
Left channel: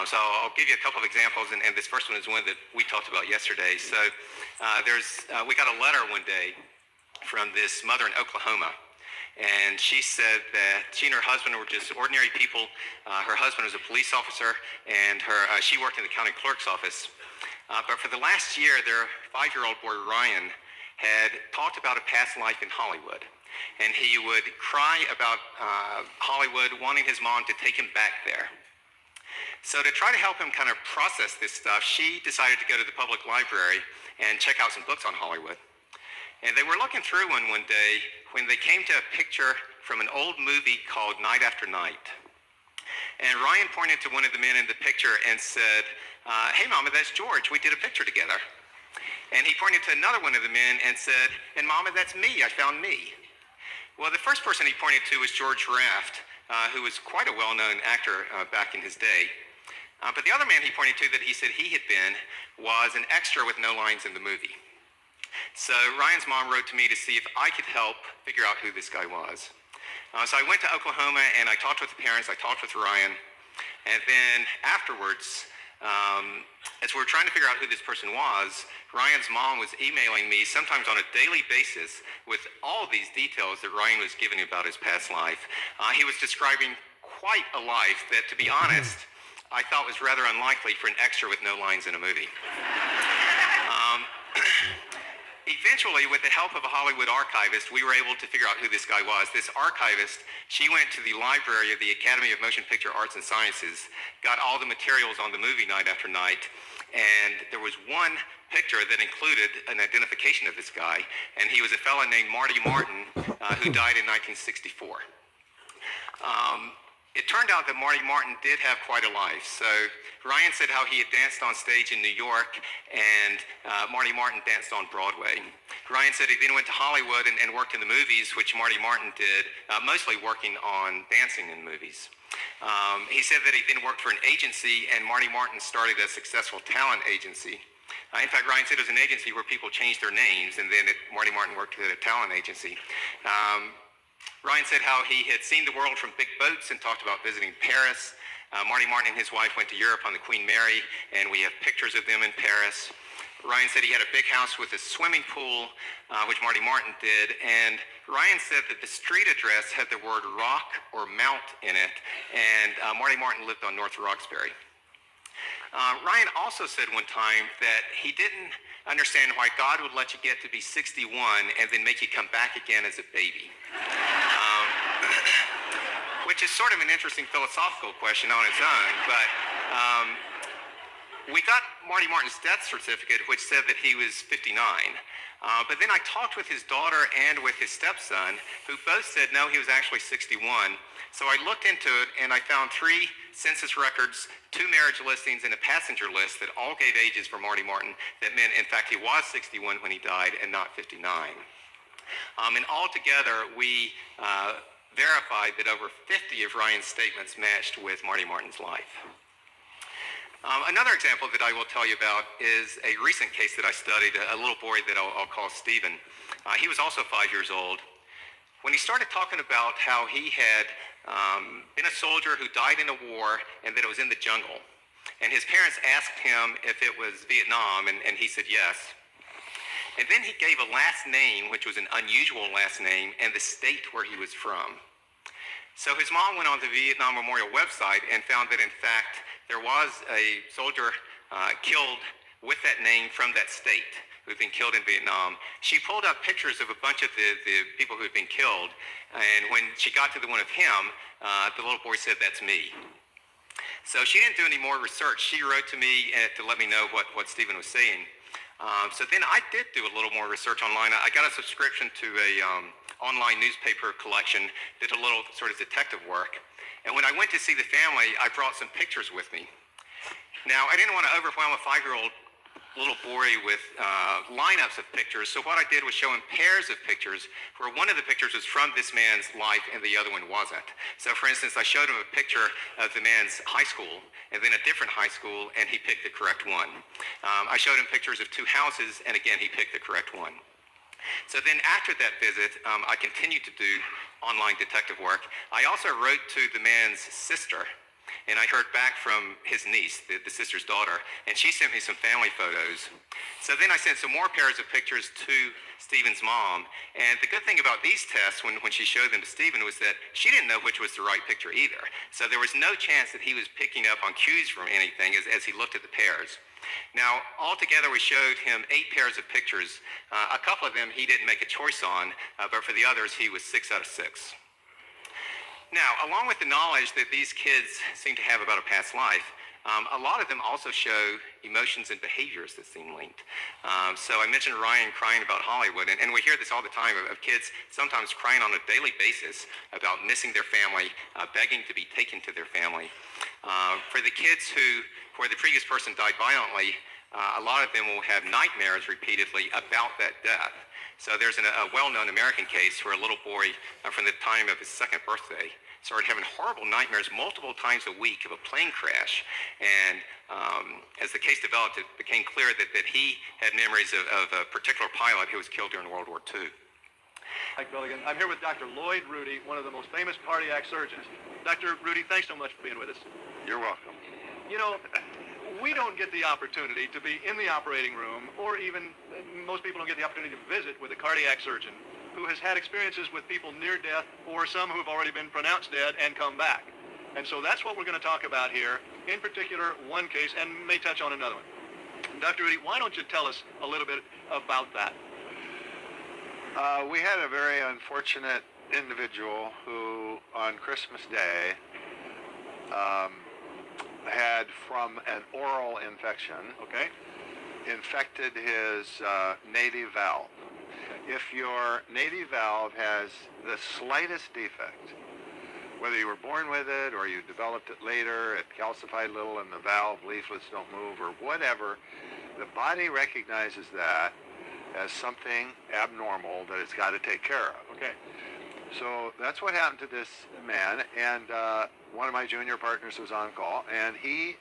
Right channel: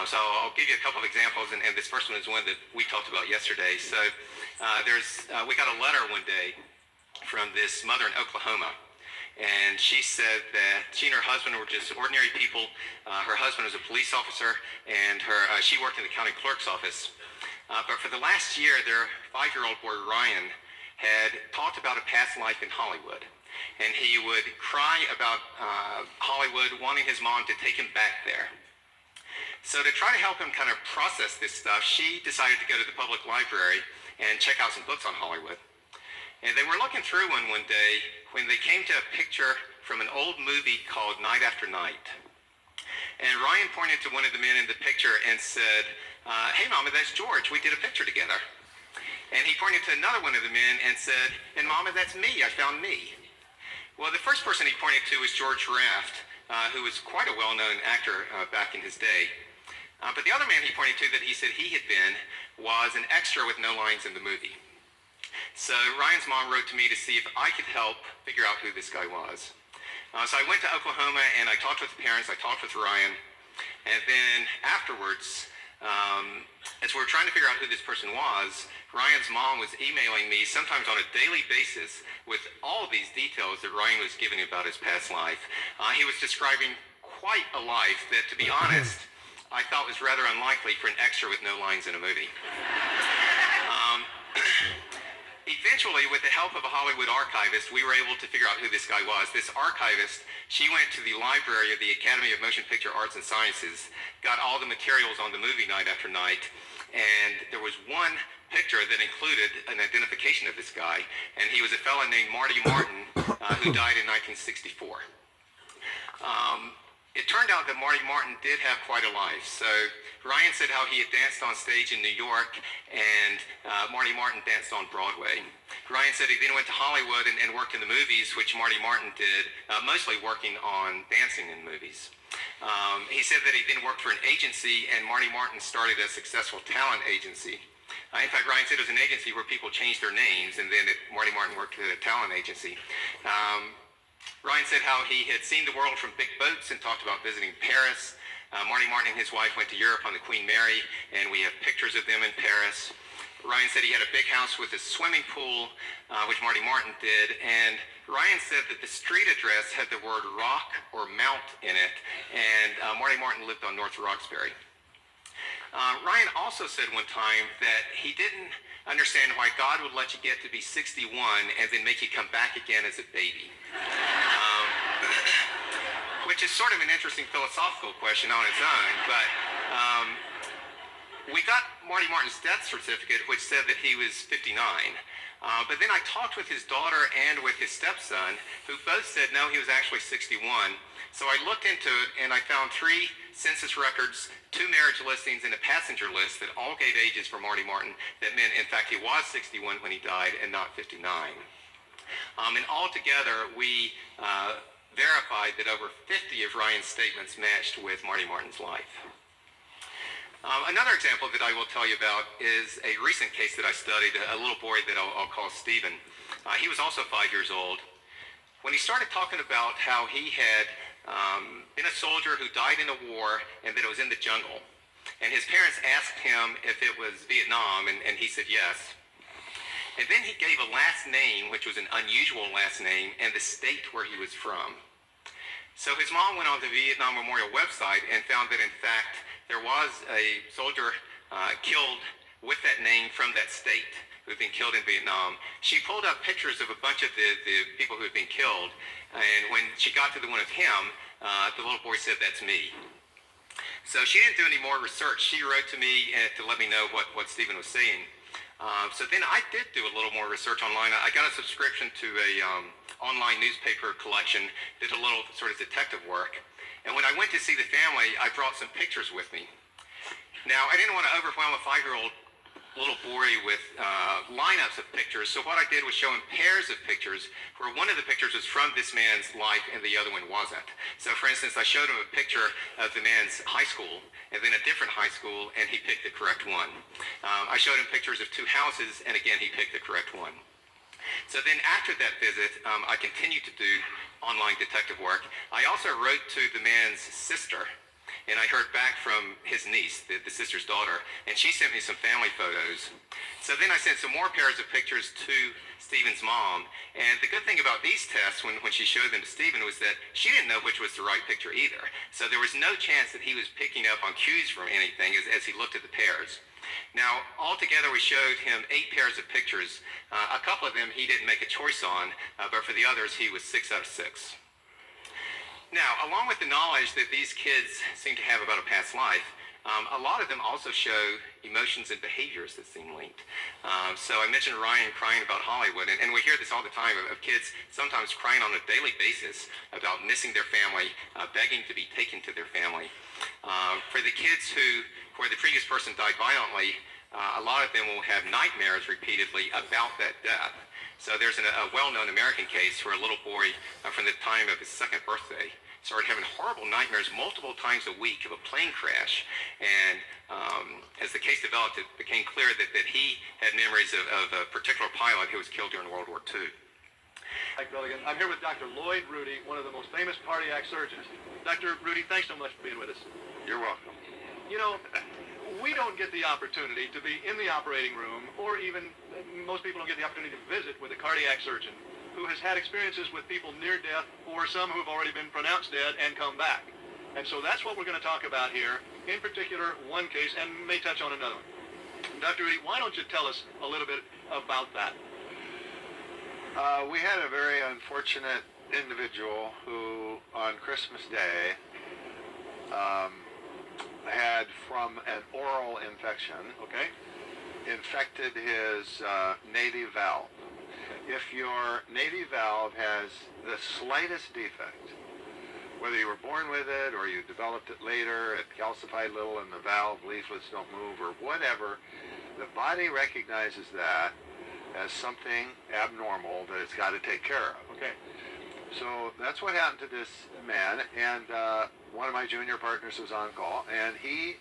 So I'll give you a couple of examples, and this first one is one that we talked about yesterday. So we got a letter one day from this mother in Oklahoma, and she said that she and her husband were just ordinary people. Her husband was a police officer, and she worked in the county clerk's office. But for the last year, their 5-year-old boy, Ryan, had talked about a past life in Hollywood. And he would cry about Hollywood, wanting his mom to take him back there. So to try to help him kind of process this stuff, she decided to go to the public library and check out some books on Hollywood. And they were looking through one day when they came to a picture from an old movie called Night After Night. And Ryan pointed to one of the men in the picture and said, "Hey, Mama, that's George. We did a picture together." And he pointed to another one of the men and said, "And Mama, that's me. I found me." Well, the first person he pointed to was George Raft, who was quite a well-known actor back in his day. But the other man he pointed to that he said he had been was an extra with no lines in the movie. So Ryan's mom wrote to me to see if I could help figure out who this guy was. So I went to Oklahoma and I talked with the parents, I talked with Ryan, and then afterwards, as we were trying to figure out who this person was, Ryan's mom was emailing me sometimes on a daily basis with all these details that Ryan was giving about his past life. He was describing quite a life that, to be honest, I thought was rather unlikely for an extra with no lines in a movie. Eventually, with the help of a Hollywood archivist, we were able to figure out who this guy was. This archivist, she went to the library of the Academy of Motion Picture Arts and Sciences, got all the materials on the movie Night After Night, and there was one picture that included an identification of this guy, and he was a fellow named Marty Martin, who died in 1964. It turned out that Marty Martin did have quite a life. So Ryan said how he had danced on stage in New York, and Marty Martin danced on Broadway. Ryan said he then went to Hollywood and worked in the movies, which Marty Martin did, mostly working on dancing in movies. He said that he then worked for an agency, and Marty Martin started a successful talent agency. In fact, Ryan said it was an agency where people changed their names, and then Marty Martin worked at a talent agency. Ryan said how he had seen the world from big boats and talked about visiting Paris. Marty Martin and his wife went to Europe on the Queen Mary, and we have pictures of them in Paris. Ryan said he had a big house with a swimming pool, which Marty Martin did, and Ryan said that the street address had the word rock or mount in it, and Marty Martin lived on North Roxbury. Ryan also said one time that he didn't understand why God would let you get to be 61 and then make you come back again as a baby. Which is sort of an interesting philosophical question on its own, but we got Marty Martin's death certificate, which said that he was 59. But then I talked with his daughter and with his stepson, who both said no, he was actually 61. So I looked into it, and I found 3 census records, 2 marriage listings, and a passenger list that all gave ages for Marty Martin that meant, in fact, he was 61 when he died and not 59. And altogether, we verified that over 50 of Ryan's statements matched with Marty Martin's life. Another example that I will tell you about is a recent case that I studied, a little boy that I'll call Stephen. He was also 5 years old. When he started talking about how he had been a soldier who died in a war and that it was in the jungle, and his parents asked him if it was Vietnam, and he said yes. And then he gave a last name, which was an unusual last name, and the state where he was from. So his mom went on the Vietnam Memorial website and found that, in fact, there was a soldier killed with that name from that state who had been killed in Vietnam. She pulled up pictures of a bunch of the people who had been killed, and when she got to the one of him, the little boy said, "That's me." So she didn't do any more research. She wrote to me to let me know what Stephen was saying. So then I did do a little more research online. I got a subscription to a online newspaper collection, did a little sort of detective work. And when I went to see the family, I brought some pictures with me. Now, I didn't want to overwhelm a 5-year-old little boy with lineups of pictures. So what I did was show him pairs of pictures where one of the pictures was from this man's life and the other one wasn't. So for instance, I showed him a picture of the man's high school and then a different high school, and he picked the correct one. I showed him pictures of two houses, and again, he picked the correct one. So then after that visit, I continued to do online detective work. I also wrote to the man's sister, and I heard back from his niece, the sister's daughter, and she sent me some family photos. So then I sent some more pairs of pictures to Stephen's mom, and the good thing about these tests when she showed them to Stephen was that she didn't know which was the right picture either. So there was no chance that he was picking up on cues from anything as he looked at the pairs. Now, altogether, we showed him 8 pairs of pictures. A couple of them he didn't make a choice on, but for the others, he was 6 out of 6. Now, along with the knowledge that these kids seem to have about a past life, a lot of them also show emotions and behaviors that seem linked. So I mentioned Ryan crying about Hollywood, and we hear this all the time of kids sometimes crying on a daily basis about missing their family, begging to be taken to their family. For the kids where the previous person died violently, a lot of them will have nightmares repeatedly about that death. So there's a well-known American case where a little boy from the time of his 2nd birthday started having horrible nightmares multiple times a week of a plane crash. And as the case developed, it became clear that he had memories of a particular pilot who was killed during World War II. Mike Billigan. I'm here with Dr. Lloyd Rudy, one of the most famous cardiac surgeons. Dr. Rudy, thanks so much for being with us. You're welcome. You know, we don't get the opportunity to be in the operating room, or even most people don't get the opportunity to visit with a cardiac surgeon who has had experiences with people near death or some who have already been pronounced dead and come back. And so that's what we're going to talk about here, in particular one case, and may touch on another one. Dr. Rudy, why don't you tell us a little bit about that? We had a very unfortunate individual who, on Christmas Day, had, from an oral infection, infected his native valve. If your native valve has the slightest defect, whether you were born with it or you developed it later, it calcified a little and the valve leaflets don't move or whatever, the body recognizes that as something abnormal that it's got to take care of. Okay. So that's what happened to this man, and one of my junior partners was on call, and he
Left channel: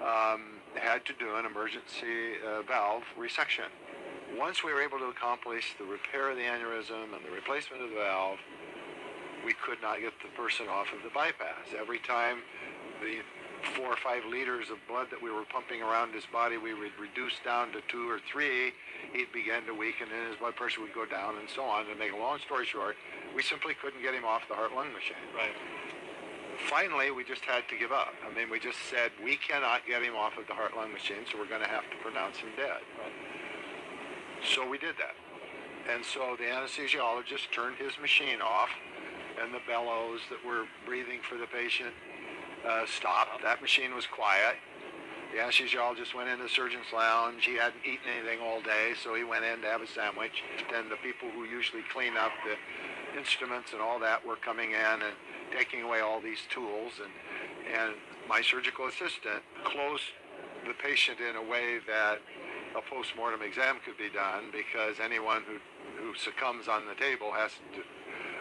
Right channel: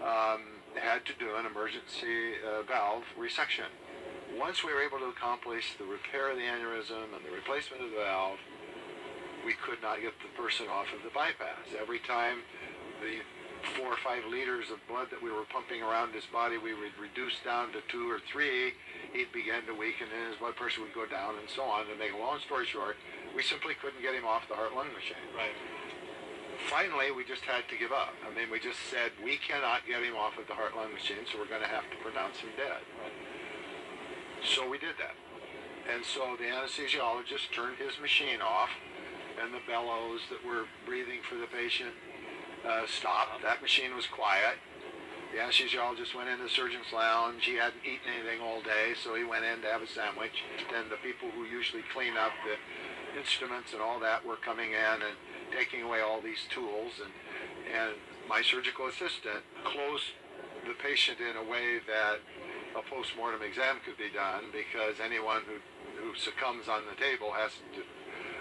had to do an emergency valve resection. Once we were able to accomplish the repair of the aneurysm and the replacement of the valve, we could not get the person off of the bypass. Every time the 4 or 5 liters of blood that we were pumping around his body, we would reduce down to 2 or 3, he'd begin to weaken and his blood pressure would go down and so on. To make a long story short, we simply couldn't get him off the heart-lung machine. Right. Finally, we just had to give up. I mean, we just said, we cannot get him off of the heart-lung machine, so we're going to have to pronounce him dead. Right. So we did that. And so the anesthesiologist turned his machine off, and the bellows that were breathing for the patient stopped. That machine was quiet. The anesthesiologist went into the surgeon's lounge. He hadn't eaten anything all day, so he went in to have a sandwich. And the people who usually clean up the instruments and all that were coming in and taking away all these tools. And my surgical assistant closed the patient in a way that a post-mortem exam could be done, because anyone who succumbs on the table has to,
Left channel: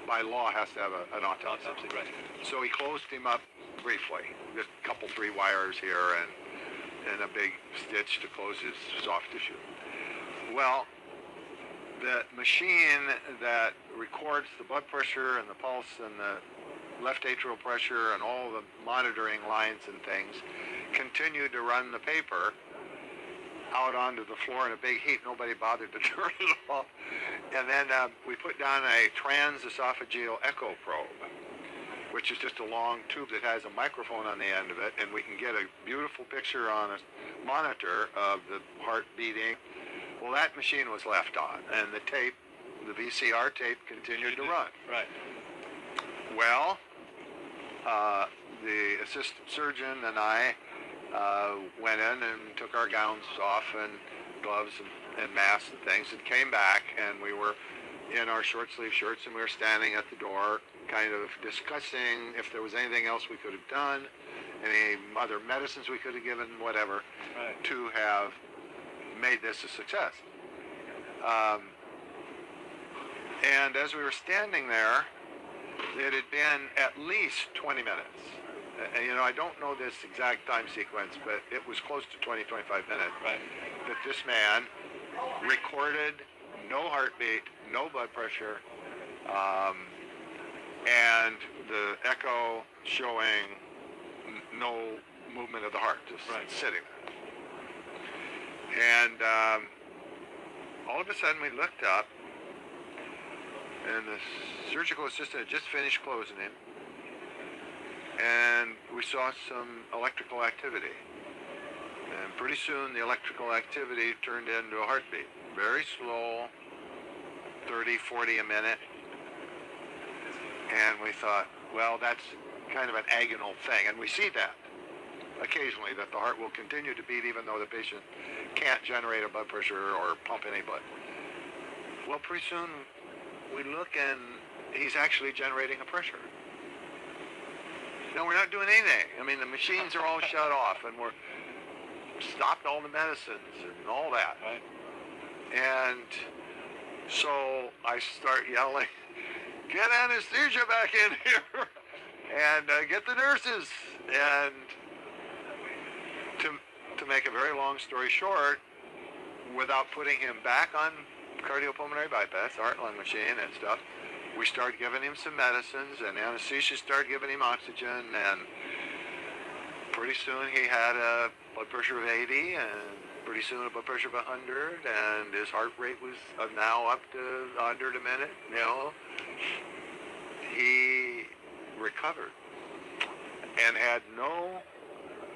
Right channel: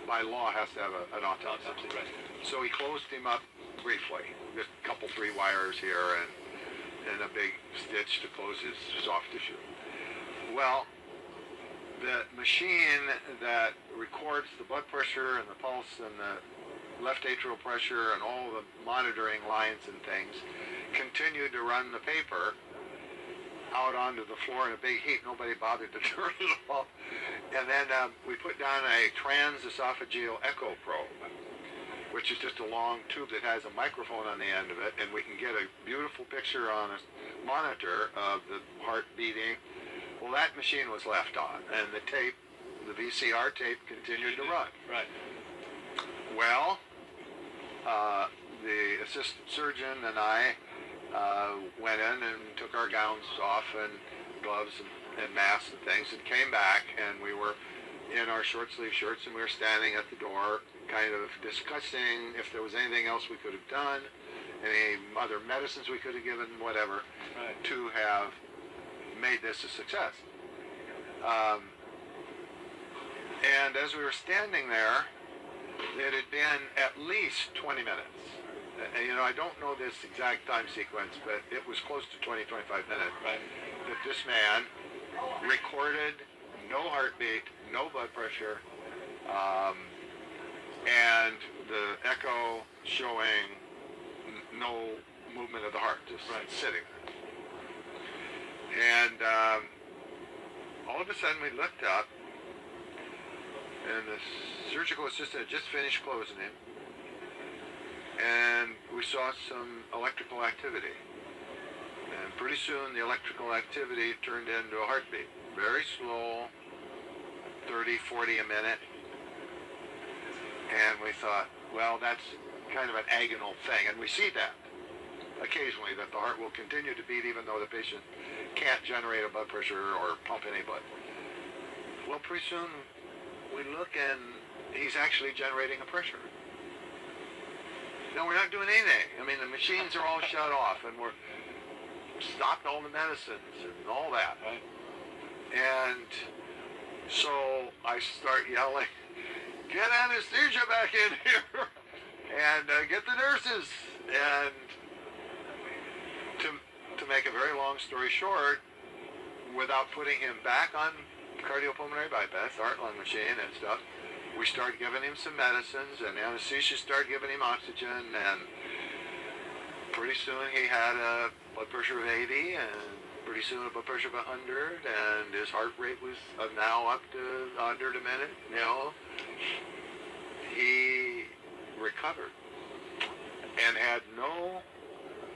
by law, has to have an autopsy. Right. So he closed him up briefly, just a couple, 3 wires here and a big stitch to close his soft tissue. Well, the machine that records the blood pressure and the pulse and the left atrial pressure and all the monitoring lines and things continued to run the paper out onto the floor in a big heat. Nobody bothered to turn it off. And then we put down a transesophageal echo probe, which is just a long tube that has a microphone on the end of it, and we can get a beautiful picture on a monitor of the heart beating. Well, that machine was left on, and the tape, the VCR tape, continued to run. Right. Well, the assistant surgeon and I went in and took our gowns off and gloves and masks and things, and came back, and we were in our short sleeve shirts, and we were standing at the door kind of discussing if there was anything else we could have done, any other medicines we could have given, whatever, to have made this a success. And as we were standing there, it had been at least 20 minutes. I don't know this exact time sequence, but it was close to 20, 25 minutes. Right. That this man recorded no heartbeat, no blood pressure, and the echo showing no movement of the heart, just sitting. And all of a sudden we looked up, and the surgical assistant had just finished closing him, and we saw some electrical activity. And pretty soon the electrical activity turned into a heartbeat. Very slow, 30, 40 a minute. And we thought, well, that's kind of an agonal thing. And we see that occasionally, that the heart will continue to beat even though the patient can't generate a blood pressure or pump any blood. Well, pretty soon we look and he's actually generating a pressure. No, we're not doing anything. I mean, the machines are all shut off, and we're stopped all the medicines and all that. Right. And so I start yelling, "Get anesthesia back in here!" and get the nurses. And to make a very long story short, without putting him back on cardiopulmonary bypass, heart-lung machine and stuff, we started giving him some medicines, and anesthesia started giving him oxygen, and pretty soon he had a blood pressure of 80, and pretty soon a blood pressure of 100, and his heart rate was now up to 100 a minute. He recovered and had no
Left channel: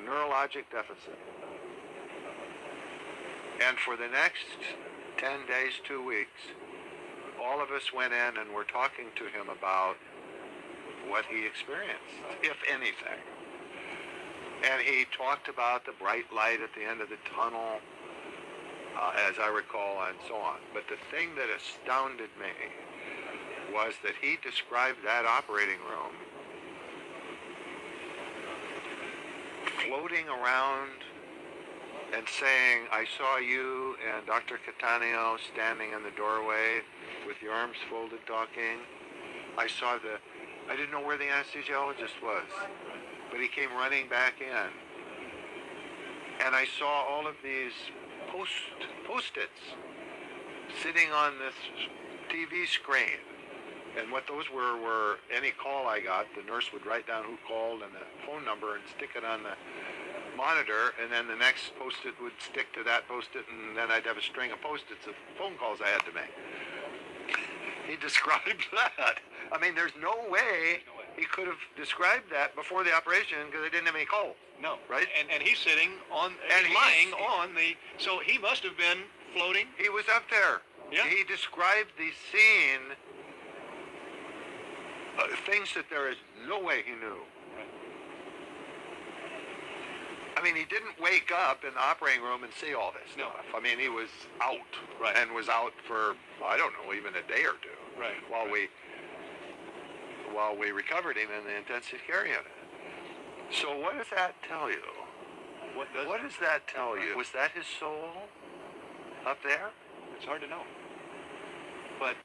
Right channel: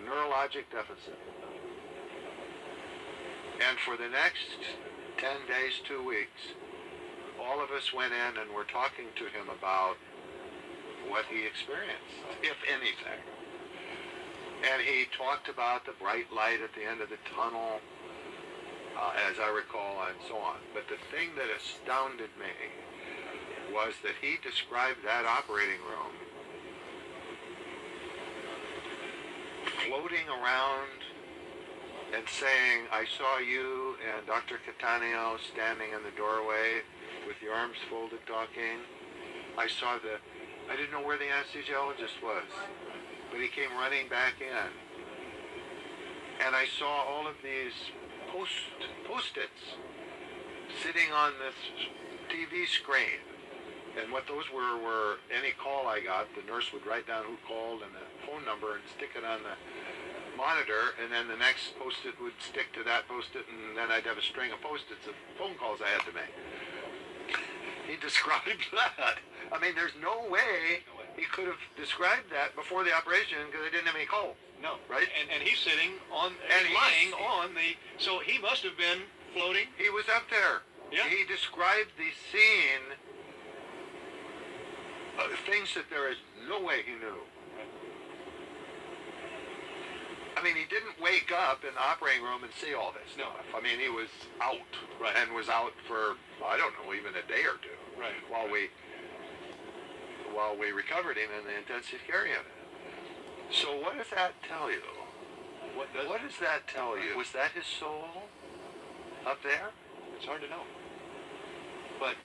neurologic deficit. And for the next 10 days, 2 weeks, all of us went in and were talking to him about what he experienced, if anything. And he talked about the bright light at the end of the tunnel, as I recall, and so on. But the thing that astounded me was that he described that operating room floating around and saying, "I saw you and Dr. Cattaneo standing in the doorway with your arms folded talking. I didn't know where the anesthesiologist was, but he came running back in. And I saw all of these post-its sitting on this TV screen. And what those were any call I got, the nurse would write down who called and the phone number and stick it on the monitor, and then the next post-it would stick to that post-it, and then I'd have a string of post-its of phone calls I had to make." He described that. I mean, there's no way he could have described that before the operation because they didn't have any calls. No. Right? And he's sitting on, and lying on the, so he must have been floating. He was up there. Yeah. He described the scene, things that there is no way he knew. I mean, he didn't wake up in the operating room and see all this stuff. I mean, he was out, and was out for, I don't know, even a day or two, while we recovered him in the intensive care unit. So what does that tell you? What does that tell you? Was that his soul up there? It's hard to know. But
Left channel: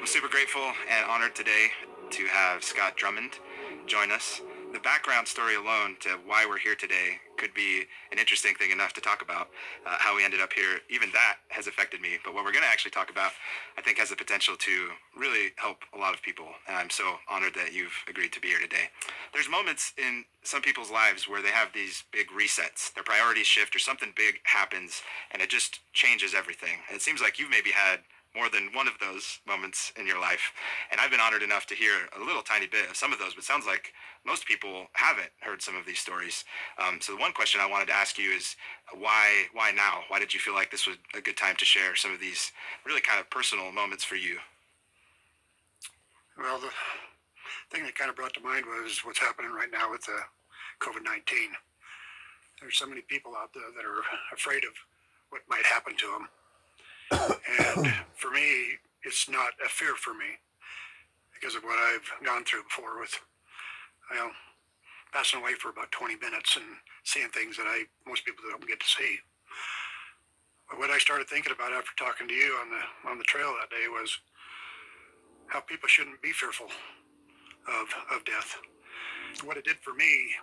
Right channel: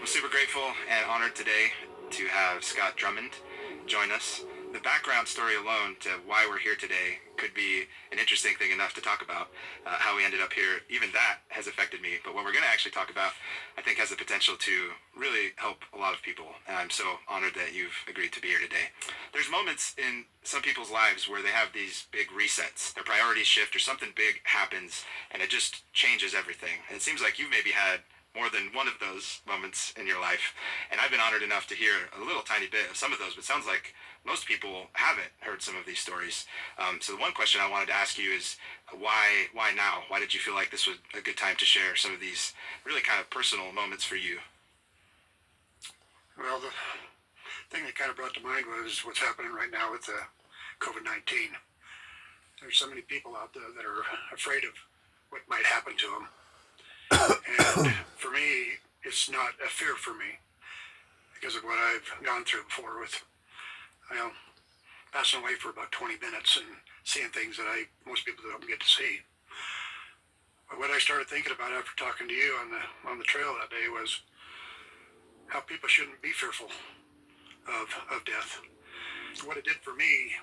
I'm super grateful and honored today to have Scott Drummond join us. The background story alone to why we're here today could be an interesting thing enough to talk about. How we ended up here, even that has affected me. But what we're going to actually talk about, I think, has the potential to really help a lot of people. And I'm so honored that you've agreed to be here today. There's moments in some people's lives where they have these big resets. Their priorities shift or something big happens and it just changes everything. And it seems like you've maybe had more than one of those moments in your life. And I've been honored enough to hear a little tiny bit of some of those, but it sounds like most people haven't heard some of these stories. So the one question I wanted to ask you is why now? Why did you feel like this was a good time to share some of these really kind of personal moments for you? Well, the thing that kind of brought to mind was what's happening right now with COVID-19. There's so many people out there that are afraid of what might happen to them. And for me, it's not a fear for me because of what I've gone through before with, passing away for about 20 minutes and seeing things that most people don't get to see. But what I started thinking about after talking to you on the trail that day was how people shouldn't be fearful of death. What it did for me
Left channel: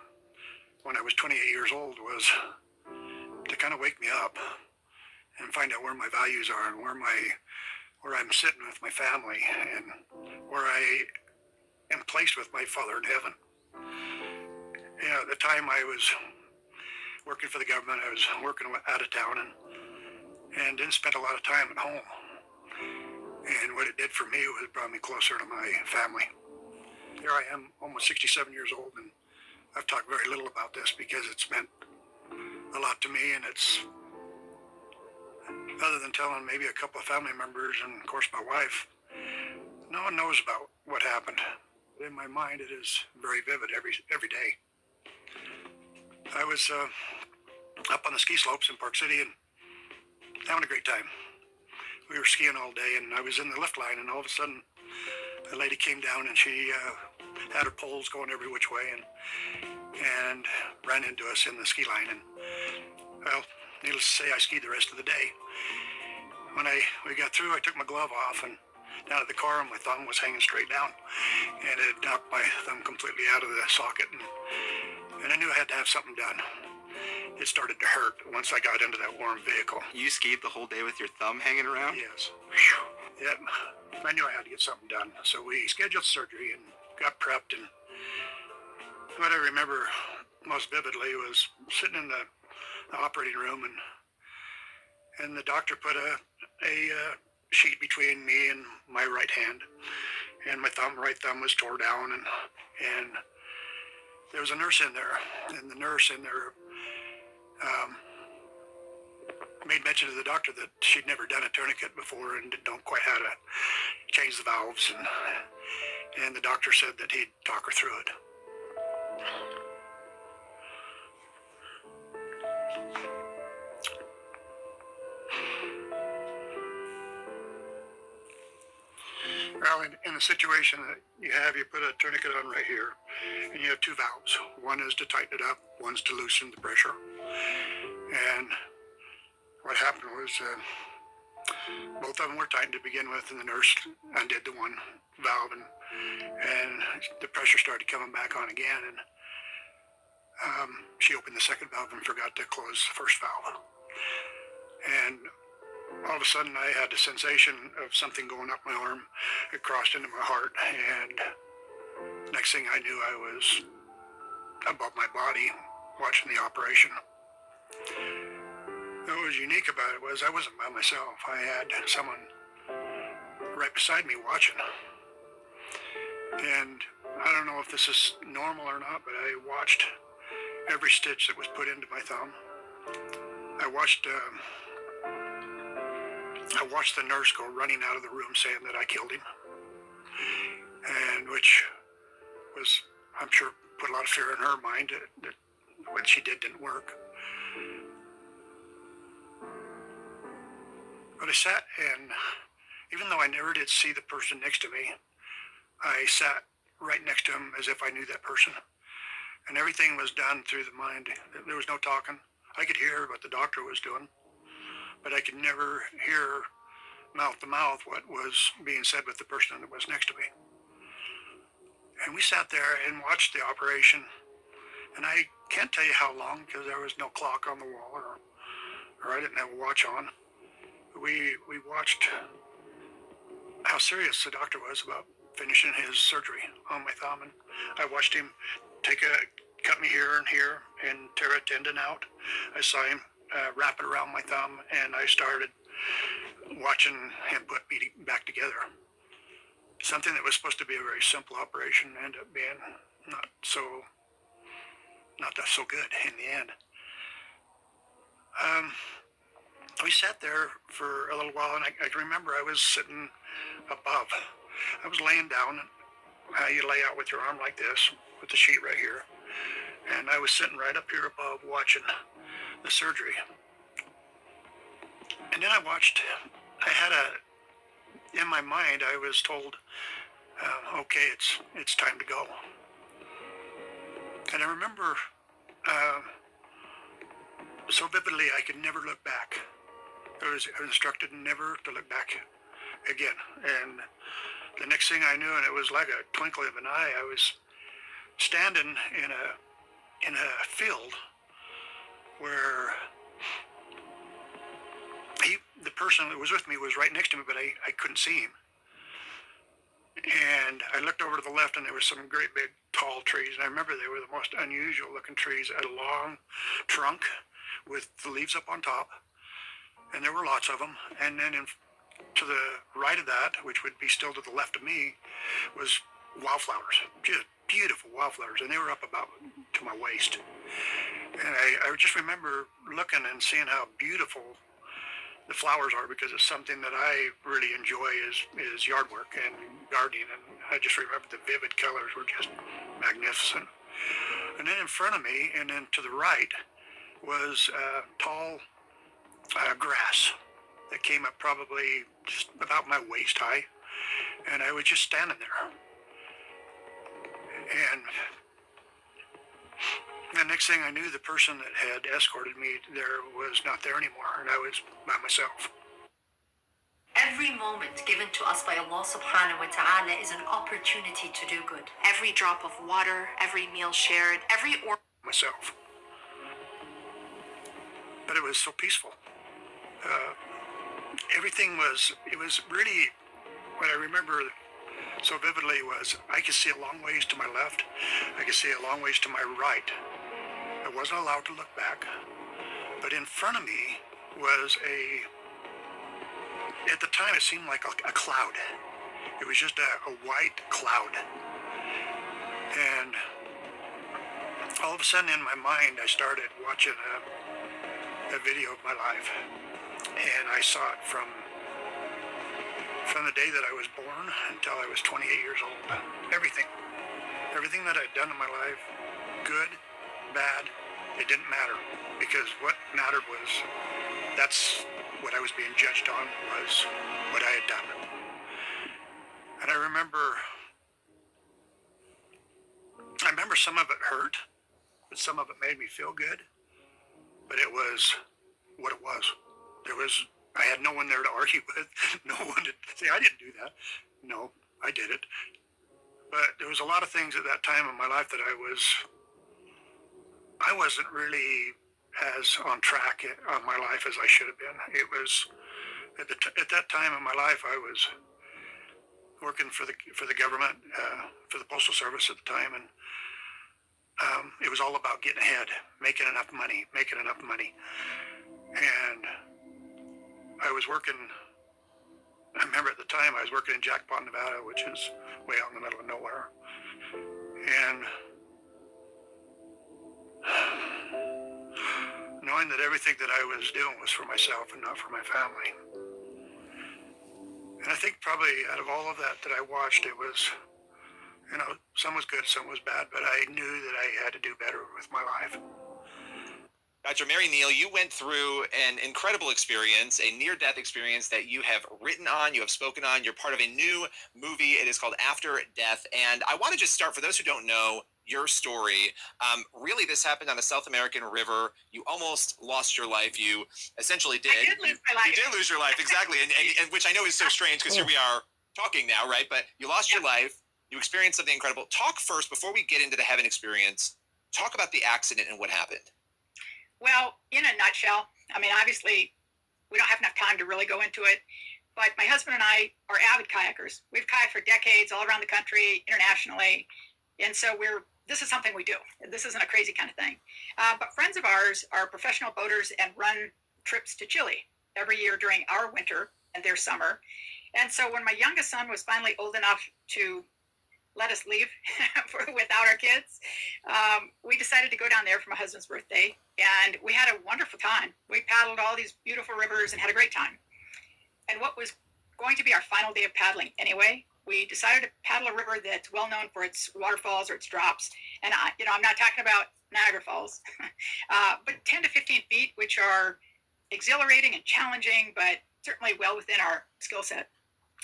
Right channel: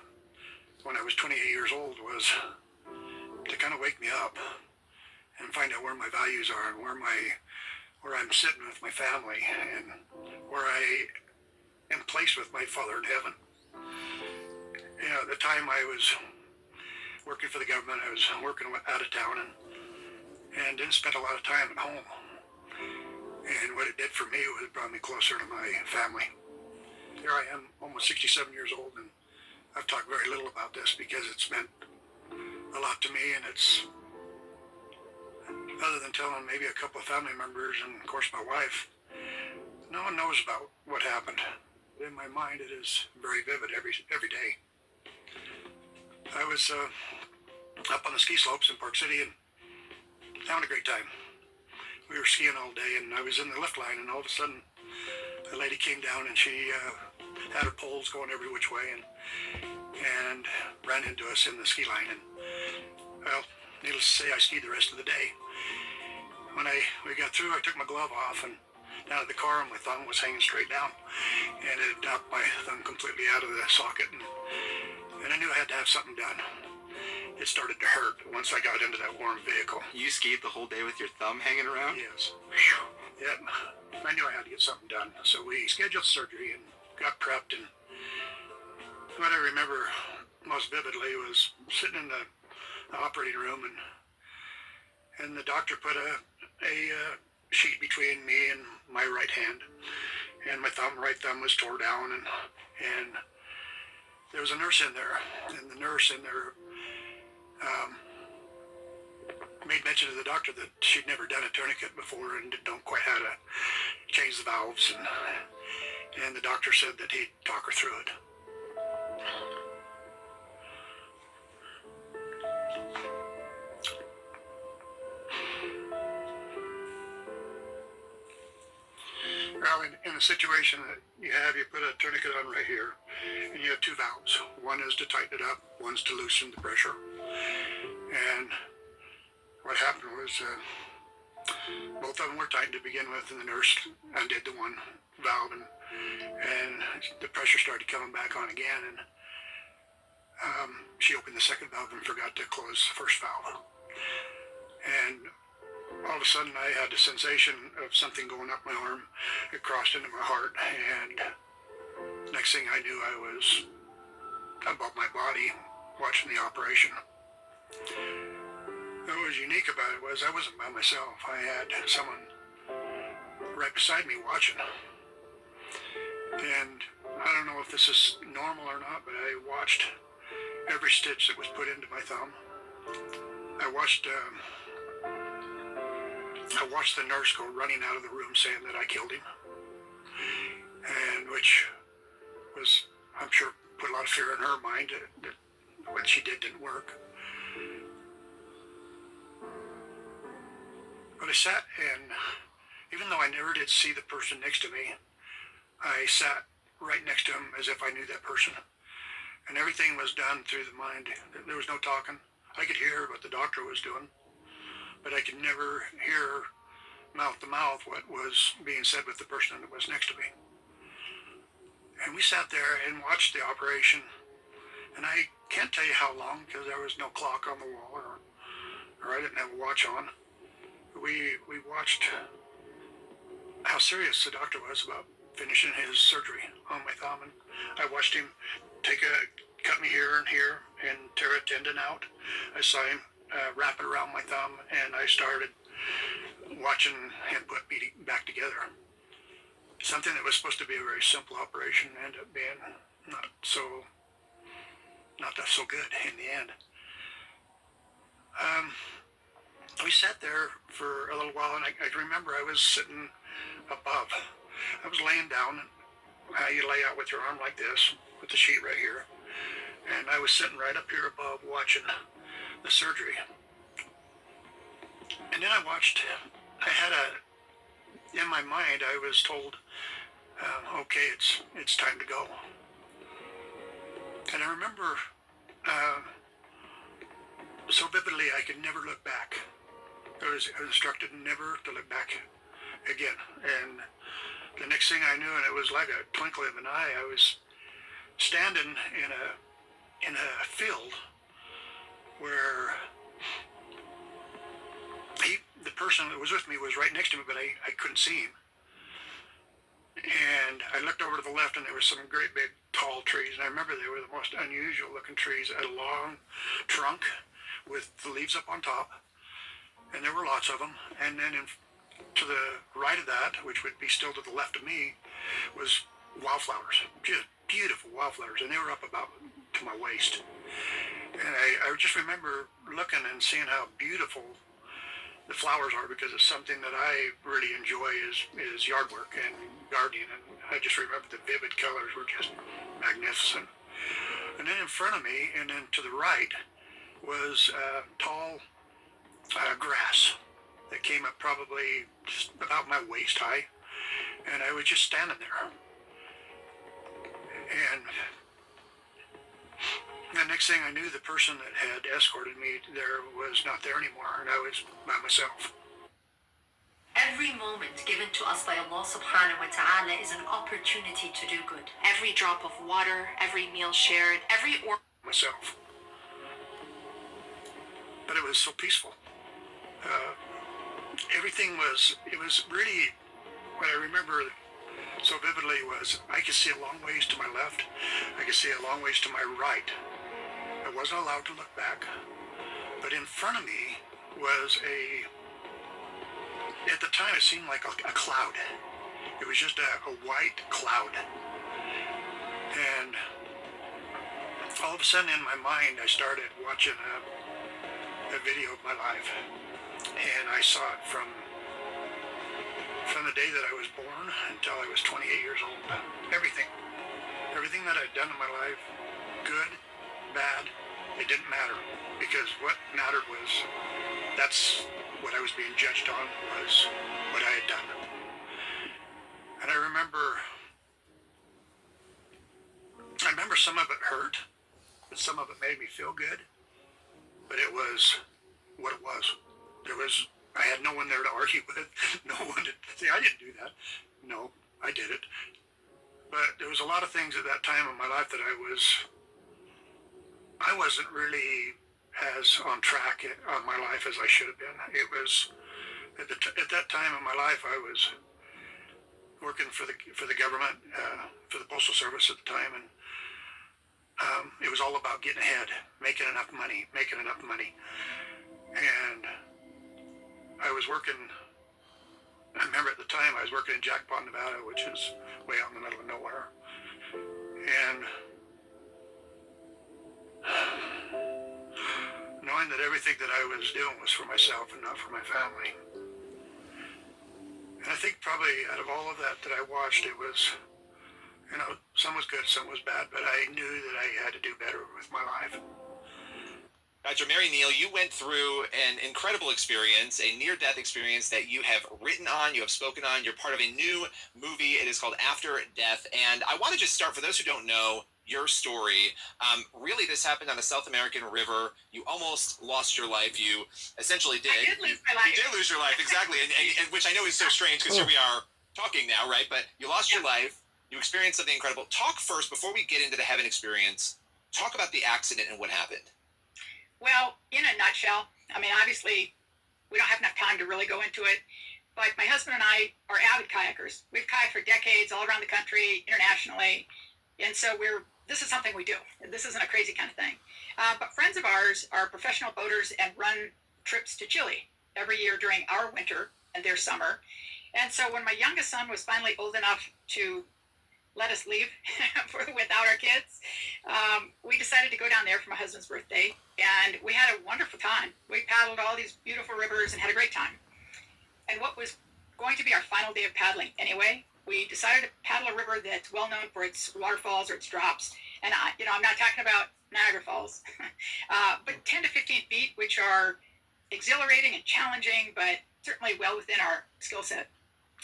when I was 28 years old was to kind of wake me up and find out where my values are and where I'm sitting with my family and where I am placed with my Father in heaven. At the time I was working for the government, I was working out of town and didn't spend a lot of time at home. And what it did for me was it brought me closer to my family. Here I am, almost 67 years old, and I've talked very little about this because it's meant a lot to me, and it's, other than telling maybe a couple of family members and of course my wife, no one knows about what happened. In my mind it is very vivid every day. I was up on the ski slopes in Park City and having a great time. We were skiing all day and I was in the lift line, and all of a sudden a lady came down and she had her poles going every which way and ran into us in the ski line. And well, needless to say, I skied the rest of the day. When we got through, I took my glove off and down at the car, and my thumb was hanging straight down, and it knocked my thumb completely out of the socket, and I knew I had to have something done. It started to hurt once I got into that warm vehicle. You skied the whole day with your thumb hanging around? Yes. Yep. I knew I had to get something done, so we scheduled surgery and got prepped, and what I remember most vividly was sitting in the operating room, and the doctor put a sheet between me and my right hand, and my right thumb was tore down, and there was a nurse in there, and the nurse in there made mention to the doctor that she'd never done a tourniquet before and didn't know quite how to change the valves, and the doctor said that he'd talk her through it. Well, in the situation that you put a tourniquet on right here, and you have two valves. One is to tighten it up, one's to loosen the pressure. And what happened was both of them were tightened to begin with, and the nurse undid the one valve, and the pressure started coming back on again, and she opened the second valve and forgot to close the first valve. And all of a sudden I had the sensation of something going up my arm. It crossed into my heart, and next thing I knew I was above my body watching the operation. What was unique about it was I wasn't by myself. I had someone right beside me watching. And I don't know if this is normal or not, but I watched every stitch that was put into my thumb. I watched the nurse go running out of the room saying that I killed him, and which was, I'm sure, put a lot of fear in her mind that what she did didn't work. But I sat, and even though I never did see the person next to me, I sat right next to him as if I knew that person. And everything was done through the mind. There was no talking. I could hear what the doctor was doing, but I could never hear mouth to mouth what was being said with the person that was next to me. And we sat there and watched the operation, and I can't tell you how long because there was no clock on the wall, or I didn't have a watch on. We watched how serious the doctor was about finishing his surgery on my thumb, and I watched him cut me here and tear a tendon out. I saw him wrap it around my thumb, and I started watching him put me back together. Something that was supposed to be a very simple operation ended up being not so good in the end. We sat there for a little while, and I can remember I was sitting above. I was laying down, how you lay out with your arm like this, with the sheet right here. And I was sitting right up here above watching the surgery. And then I had in my mind, I was told, okay, it's time to go. And I remember so vividly, I could never look back. I was instructed never to look back again. And the next thing I knew, and it was like a twinkle of an eye, I was standing in a field where the person that was with me was right next to me, but I couldn't see him. And I looked over to the left, and there were some great big tall trees. And I remember they were the most unusual looking trees. They had a long trunk with the leaves up on top, and there were lots of them. And then to the right of that, which would be still to the left of me, was wildflowers, just beautiful wildflowers, and they were up about to my waist. And I just remember looking and seeing how beautiful the flowers are, because it's something that I really enjoy is yard work and gardening, and I just remember the vivid colors were just magnificent. And then in front of me, and then to the right, was tall grass that came up probably just about my waist high, and I was just standing there. And the next thing I knew, the person that had escorted me there was not there anymore, and I was by myself. Every moment given to us by Allah subhanahu wa ta'ala is an opportunity to do good. Every drop of water, every meal shared, every myself. But it was so peaceful. Everything was, it was really, what I remember so vividly was I could see a long ways to my left. I could see a long ways to my right. I wasn't allowed to look back. But in front of me was at the time it seemed like a cloud. It was just a white cloud. And all of a sudden in my mind I started watching a video of my life. And I saw it from the day that I was born until I was 28 years old. Everything that I'd done in my life, good, bad, it didn't matter, because what mattered was, that's what I was being judged on, was what I had done. And I remember some of it hurt, but some of it made me feel good, but it was what it was. I had no one there to argue with, no one to say, I didn't do that. No, I did it. But there was a lot of things at that time in my life that I wasn't really as on track on my life as I should have been. It was, at that time in my life, I was working for the government, for the Postal Service at the time, and it was all about getting ahead, making enough money. And I was working, I remember at the time I was working in Jackpot, Nevada, which is way out in the middle of nowhere. And knowing that everything that I was doing was for myself and not for my family. And I think probably out of all of that I watched, it was, some was good, some was bad, but I knew that I had to do better with my life. Dr. Mary Neal, you went through an incredible experience, a near-death experience that you have written on, you have spoken on. You're part of a new movie. It is called After Death. And I want to just start, for those who don't know your story, really this happened on a South American river. You almost lost your life. You essentially did. I did lose my life. You did lose your life, exactly. And which I know is so strange, because here we are talking now, right? But you lost your life. You experienced something incredible. Talk first, before we get into the heaven experience, talk about the accident and what happened. Well, in a nutshell, I mean, obviously, we don't have enough time to really go into it, but my husband and I are avid kayakers. We've kayaked for decades all around the country, internationally, and so this is something we do. This isn't a crazy kind of thing. But friends of ours are professional boaters and run trips to Chile every year during our winter and their summer. And so when my youngest son was finally old enough to let us leave without our kids, we decided to go down there for my husband's birthday, and we had a wonderful time. We paddled all these beautiful rivers and had a great time. And what was going to be our final day of paddling anyway, we decided to paddle a river that's well known for its waterfalls or its drops. And I'm not talking about Niagara Falls, but 10 to 15 feet, which are exhilarating and challenging, but certainly well within our skill set.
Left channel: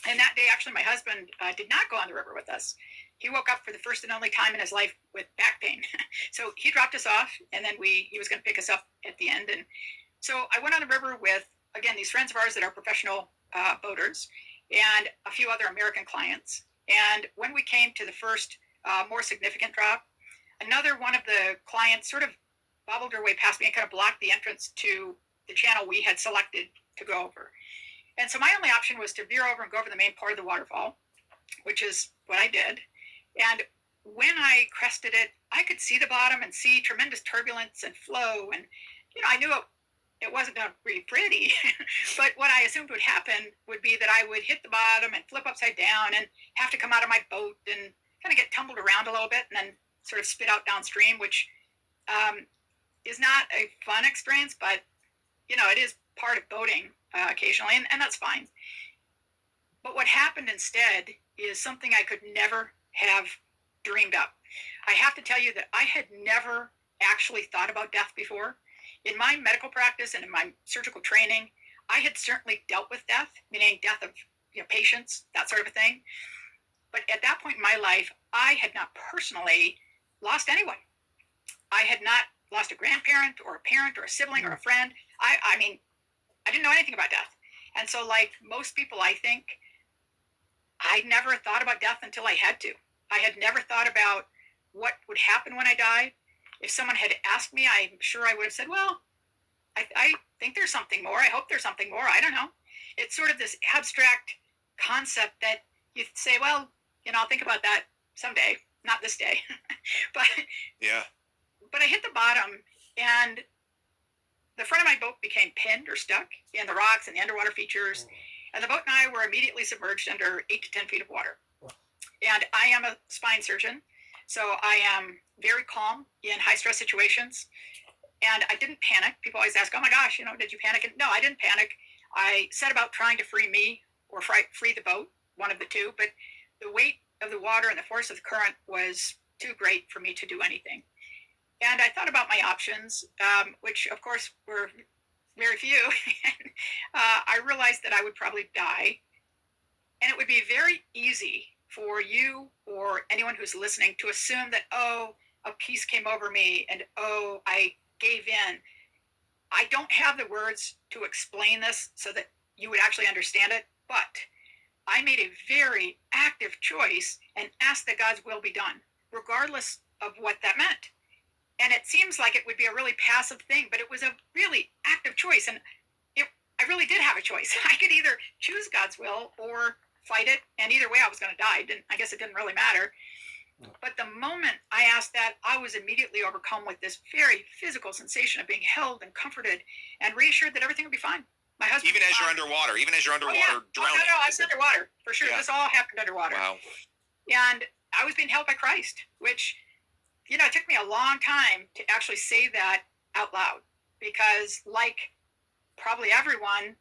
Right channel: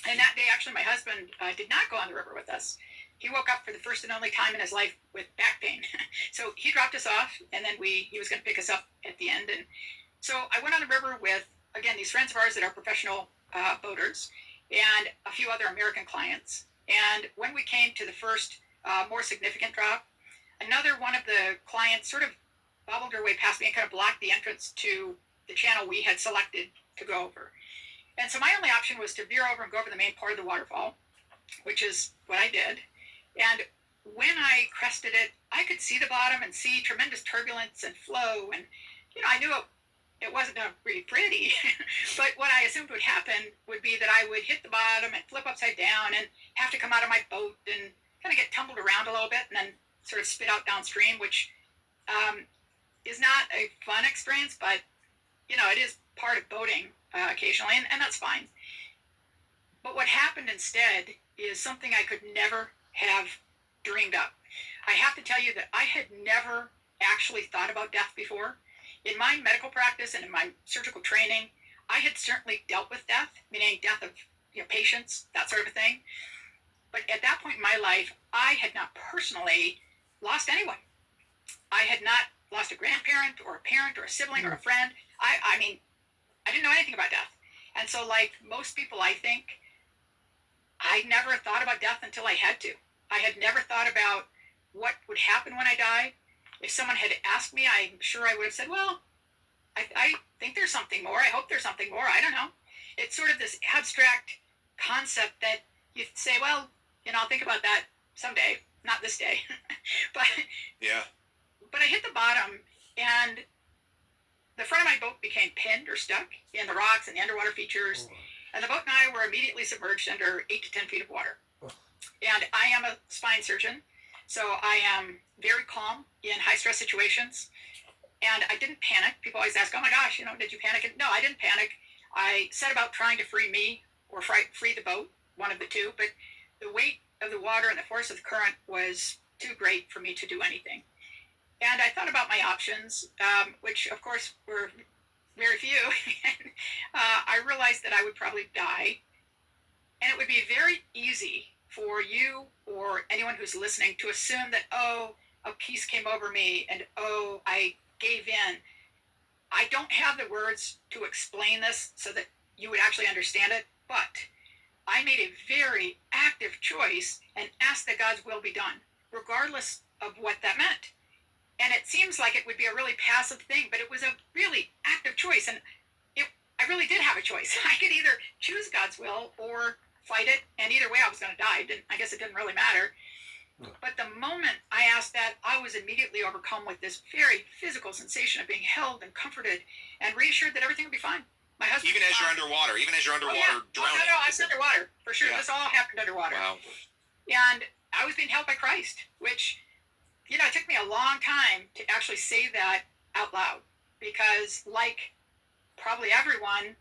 And that day, actually, my husband did not go on the river with us. He woke up for the first and only time in his life with back pain. So he dropped us off, and then he was going to pick us up at the end. And so I went on the river with, again, these friends of ours that are professional boaters and a few other American clients. And when we came to the first more significant drop, another one of the clients sort of bobbled her way past me and kind of blocked the entrance to the channel we had selected to go over. And so my only option was to veer over and go over the main part of the waterfall, which is what I did. And when I crested it, I could see the bottom and see tremendous turbulence and flow. And, I knew it wasn't going to be pretty. But what I assumed would happen would be that I would hit the bottom and flip upside down and have to come out of my boat and kind of get tumbled around a little bit and then sort of spit out downstream, which is not a fun experience, but, it is part of boating occasionally, and that's fine. But what happened instead is something I could never have dreamed up. I have to tell you that I had never actually thought about death before. In my medical practice and in my surgical training, I had certainly dealt with death, meaning death of patients, that sort of thing. But at that point in my life, I had not personally lost anyone. I had not lost a grandparent or a parent or a sibling or a friend. I mean, I didn't know anything about death. And so like most people, I think, I never thought about death until I had to. I had never thought about what would happen when I died. If someone had asked me, I'm sure I would have said, well, I think there's something more. I hope there's something more. I don't know. It's sort of this abstract concept that you say, well, I'll think about that someday, not this day. But I hit the bottom, and the front of my boat became pinned or stuck in the rocks and the underwater features. And the boat and I were immediately submerged under 8 to 10 feet of water. And I am a spine surgeon, so I am very calm in high-stress situations. And I didn't panic. People always ask, oh my gosh, did you panic? And no, I didn't panic. I set about trying to free me or free the boat, one of the two. But the weight of the water and the force of the current was too great for me to do anything. And I thought about my options, which, of course, were very few. I realized that I would probably die. And it would be very easy for you or anyone who's listening to assume that, oh, a peace came over me and, oh, I gave in. I don't have the words to explain this so that you would actually understand it, but I made a very active choice and asked that God's will be done, regardless of what that meant. And it seems like it would be a really passive thing, but it was a really active choice. And I really did have a choice. I could either choose God's will or fight it. And either way, I was going to die. I guess it didn't really matter. But the moment I asked that, I was immediately overcome with this very physical sensation of being held and comforted and reassured that everything would be fine. My husband, even as you're underwater, drowning. Oh, no, I was underwater, for sure. Yeah. This all happened underwater. Wow. And I was being held by Christ, which, it took me a long time to actually say that out loud. Because like probably everyone,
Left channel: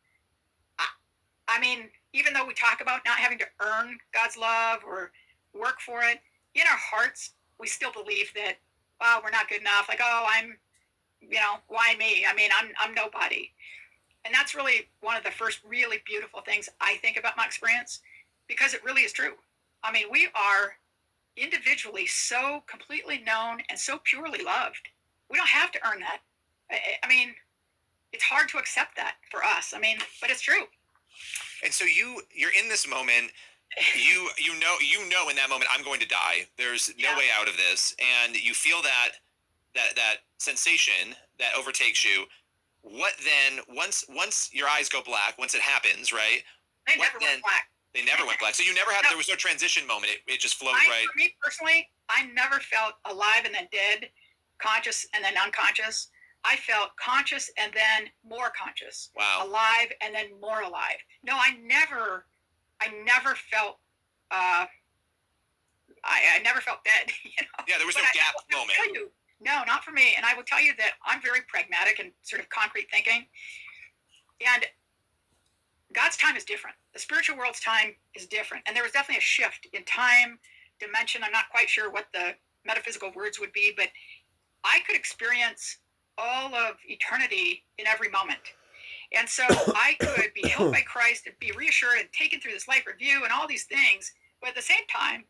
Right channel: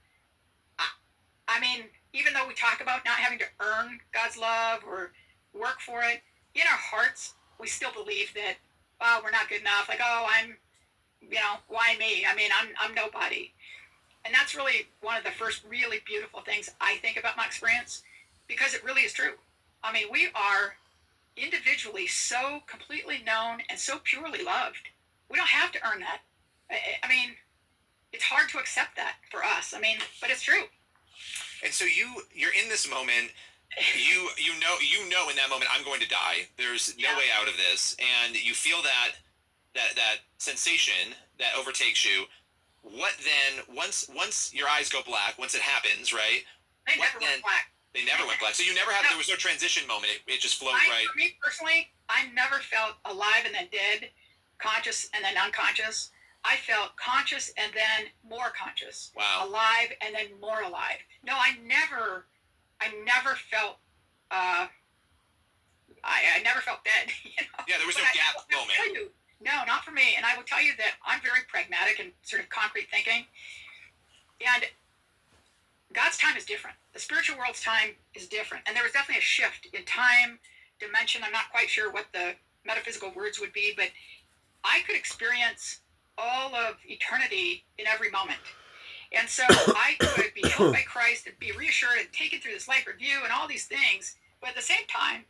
I mean, even though we talk about not having to earn God's love or work for it, in our hearts, we still believe that, oh, we're not good enough. Like, oh, I'm, why me? I mean, I'm nobody. And that's really one of the first really beautiful things I think about my experience, because it really is true. I mean, we are individually so completely known and so purely loved. We don't have to earn that. I mean, it's hard to accept that for us. I mean, but it's true. And so you're in this moment. You know in that moment, I'm going to die. There's no way out of this, and you feel that sensation that overtakes you. What then? Once your eyes go black, once it happens, right? They never went black. They never went black. So you never had. No. There was no transition moment. It just flowed right. For me personally, I never felt alive and then dead, conscious and then unconscious. I felt conscious and then more conscious. Wow. Alive and then more alive. No, I never felt. I never felt dead. Yeah, there was no gap moment. No, not for me. And I will tell you that I'm very pragmatic and sort of concrete thinking. And God's time is different. The spiritual world's time is different. And there was definitely a shift in time, dimension. I'm not quite sure what the metaphysical words would be, but I could experience all of eternity in every moment. And so I could be helped by Christ and be reassured and taken through this life review and all these things. But at the same time,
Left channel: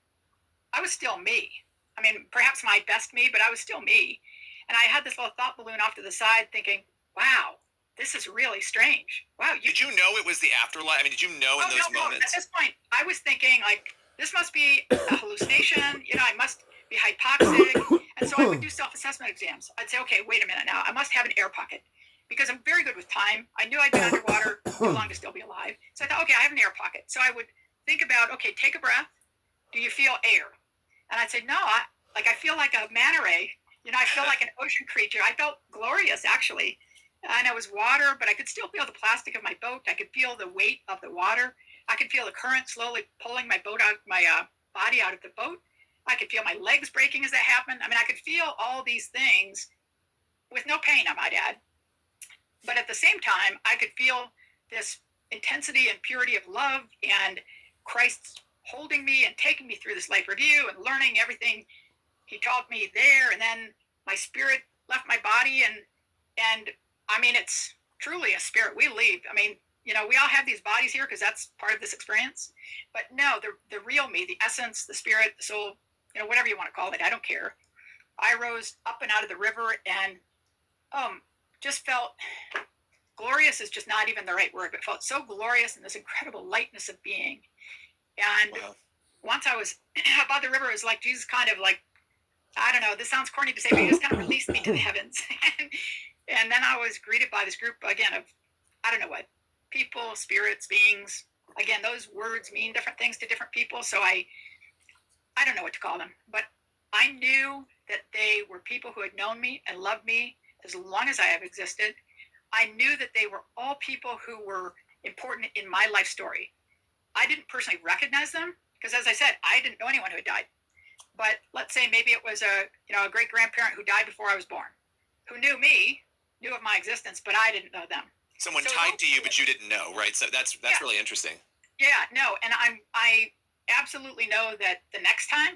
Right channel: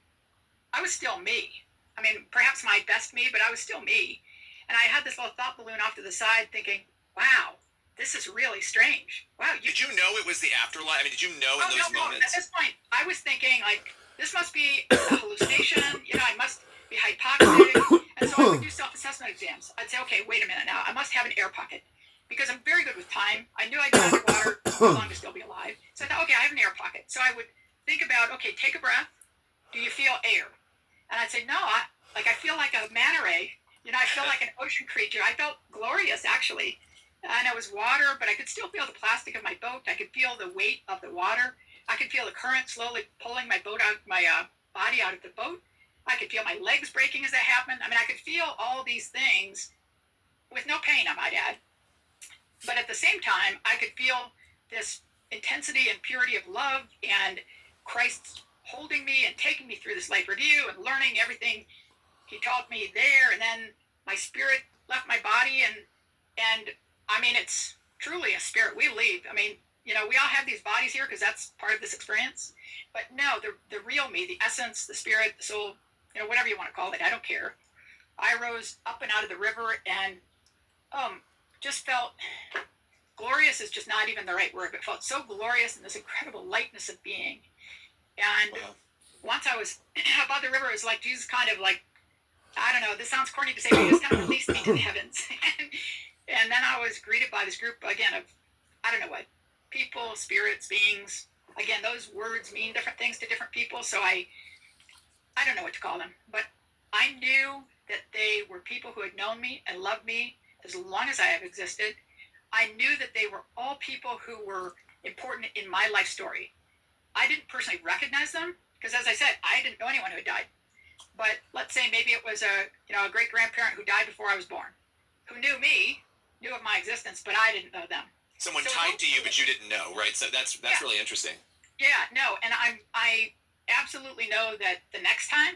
I was still me. I mean, perhaps my best me, but I was still me. And I had this little thought balloon off to the side thinking, wow, this is really strange. Wow. Did you know it was the afterlife? I mean, did you know in those moments? At this point, I was thinking, like, this must be a hallucination. I must be hypoxic. And so I would do self-assessment exams. I'd say, okay, wait a minute now. I must have an air pocket because I'm very good with time. I knew I'd be underwater how long to still be alive. So I thought, okay, I have an air pocket. So I would think about, okay, take a breath. Do you feel air? And I'd say, no, I feel like a manta ray. I feel like an ocean creature. I felt glorious, actually. And it was water, but I could still feel the plastic of my boat. I could feel the weight of the water. I could feel the current slowly pulling my boat out, my body out of the boat. I could feel my legs breaking as that happened. I mean, I could feel all these things with no pain, I might add. But at the same time, I could feel this intensity and purity of love and Christ holding me and taking me through this life review and learning everything he taught me there. And then my spirit left my body. And I mean, it's truly a spirit. We leave. I mean, we all have these bodies here because that's part of this experience. But no, the real me, the essence, the spirit, the soul, whatever you want to call it, I don't care. I rose up and out of the river and just felt glorious is just not even the right word, but felt so glorious in this incredible lightness of being. And once I was above the river, it was like Jesus kind of like, I don't know, this sounds corny to say, but he just kind of released me to the heavens. And then I was greeted by this group, again, of, I don't know what, people, spirits, beings. Again, those words mean different things to different people, so I don't know what to call them. But I knew that they were people who had known me and loved me as long as I have existed. I knew that they were all people who were important in my life story. I didn't personally recognize them because, as I said, I didn't know anyone who had died. But let's say maybe it was a great-grandparent who died before I was born, who knew me, knew of my existence, but I didn't know them. Someone tied to you, but you didn't know, right? So that's really interesting. Yeah, no, and I absolutely know that the next time,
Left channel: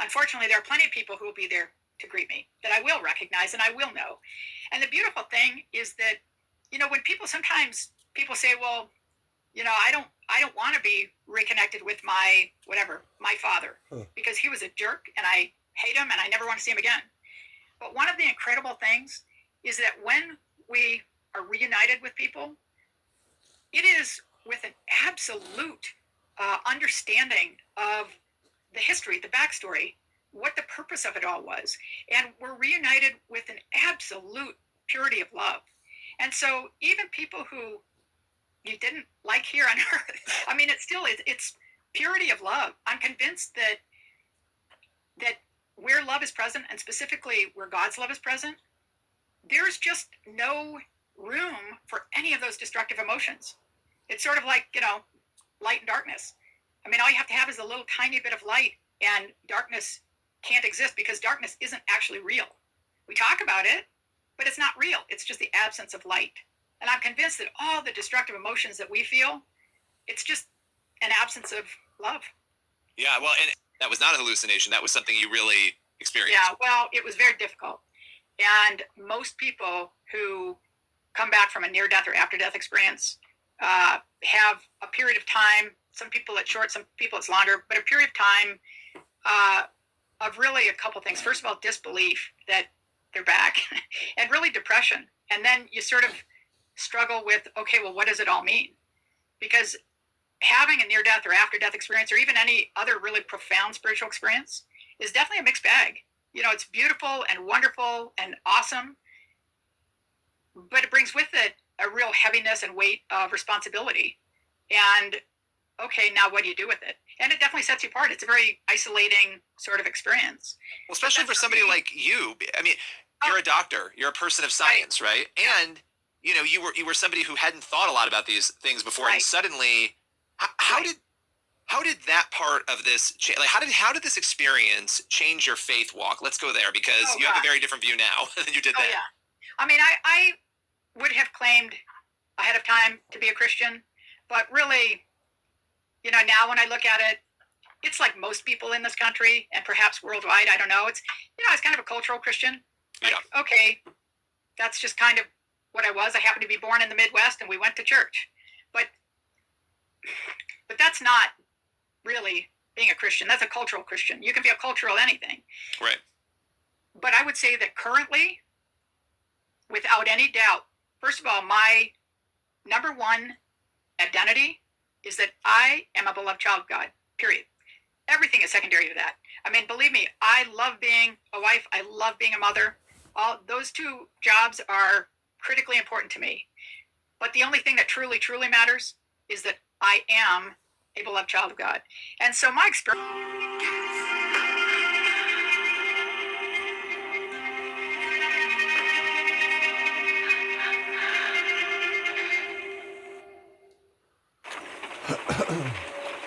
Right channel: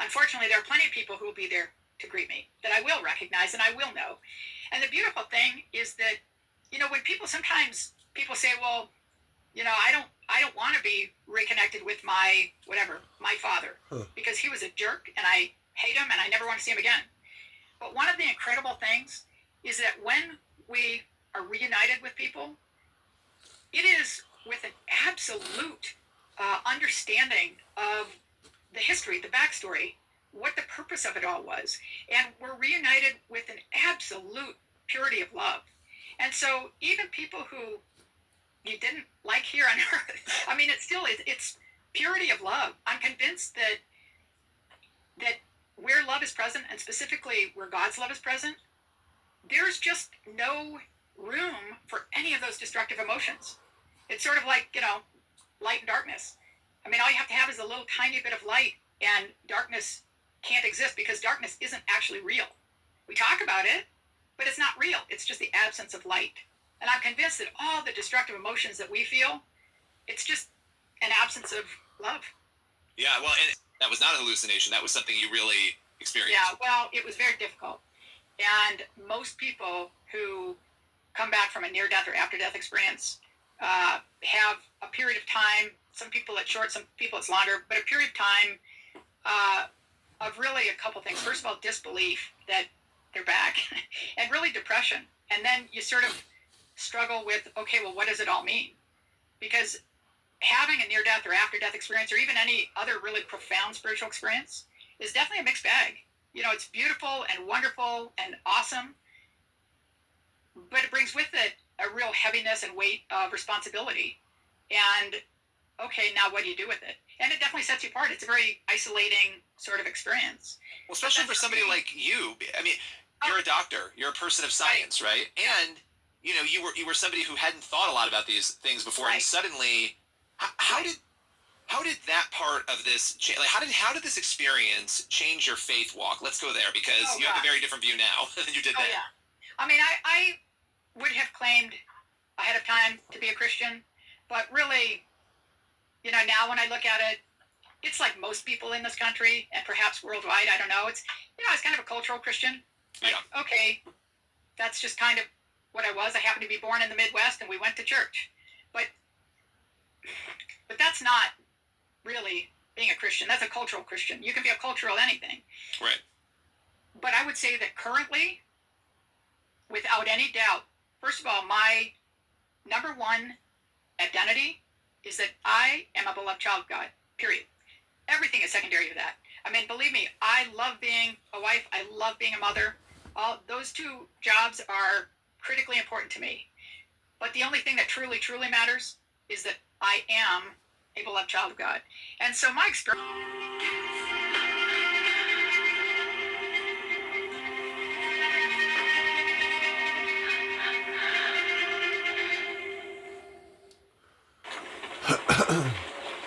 unfortunately, there are plenty of people who will be there to greet me that I will recognize and I will know. And the beautiful thing is that, when sometimes people say, well, I don't want to be reconnected with my father because he was a jerk and I hate him and I never want to see him again. But one of the incredible things is that when we are reunited with people, it is with an absolute understanding of the history, the backstory, what the purpose of it all was. And we're reunited with an absolute purity of love. And so even people who you didn't like here on earth, I mean, it's purity of love. I'm convinced that where love is present, and specifically where God's love is present, there's just no room for any of those destructive emotions. It's sort of like, light and darkness. I mean, all you have to have is a little tiny bit of light and darkness can't exist because darkness isn't actually real. We talk about it, but it's not real. It's just the absence of light. And I'm convinced that all the destructive emotions that we feel, it's just an absence of love. Yeah, well, and that was not a hallucination. That was something you really experienced. Yeah, well, it was very difficult. And most people who come back from a near-death or after-death experience have a period of time, some people it's short, some people it's longer, but a period of time of really a couple things. First of all, disbelief that they're back, and really depression. And then you sort of struggle with, okay, well, what does it all mean? Because having a near-death or after-death experience, or even any other really profound spiritual experience, is definitely a mixed bag. It's beautiful and wonderful and awesome, but it brings with it a real heaviness and weight of responsibility. And, okay, now what do you do with it? And it definitely sets you apart. It's a very isolating sort of experience. Well, especially for somebody like you. I mean, you're a doctor. You're a person of science, right? And, you were somebody who hadn't thought a lot about these things before, and suddenly, how did that part of this change? Like, how did this experience change your faith walk? Let's go there, because you have a very different view now than you did then. Yeah. I mean, I would have claimed ahead of time to be a Christian, but really, now when I look at it, it's like most people in this country and perhaps worldwide. I don't know. It's, it's kind of a cultural Christian. Like, okay, that's just kind of what I was. I happened to be born in the Midwest, and we went to church. But that's not really being a Christian. That's a cultural Christian. You can be a cultural anything. Right. But I would say that currently, without any doubt, first of all, my number one identity is that I am a beloved child of God, period. Everything is secondary to that. I mean, believe me, I love being a wife. I love being a mother. All those two jobs are critically important to me. But the only thing that truly, truly matters is that I am a beloved child of God. And so my experience...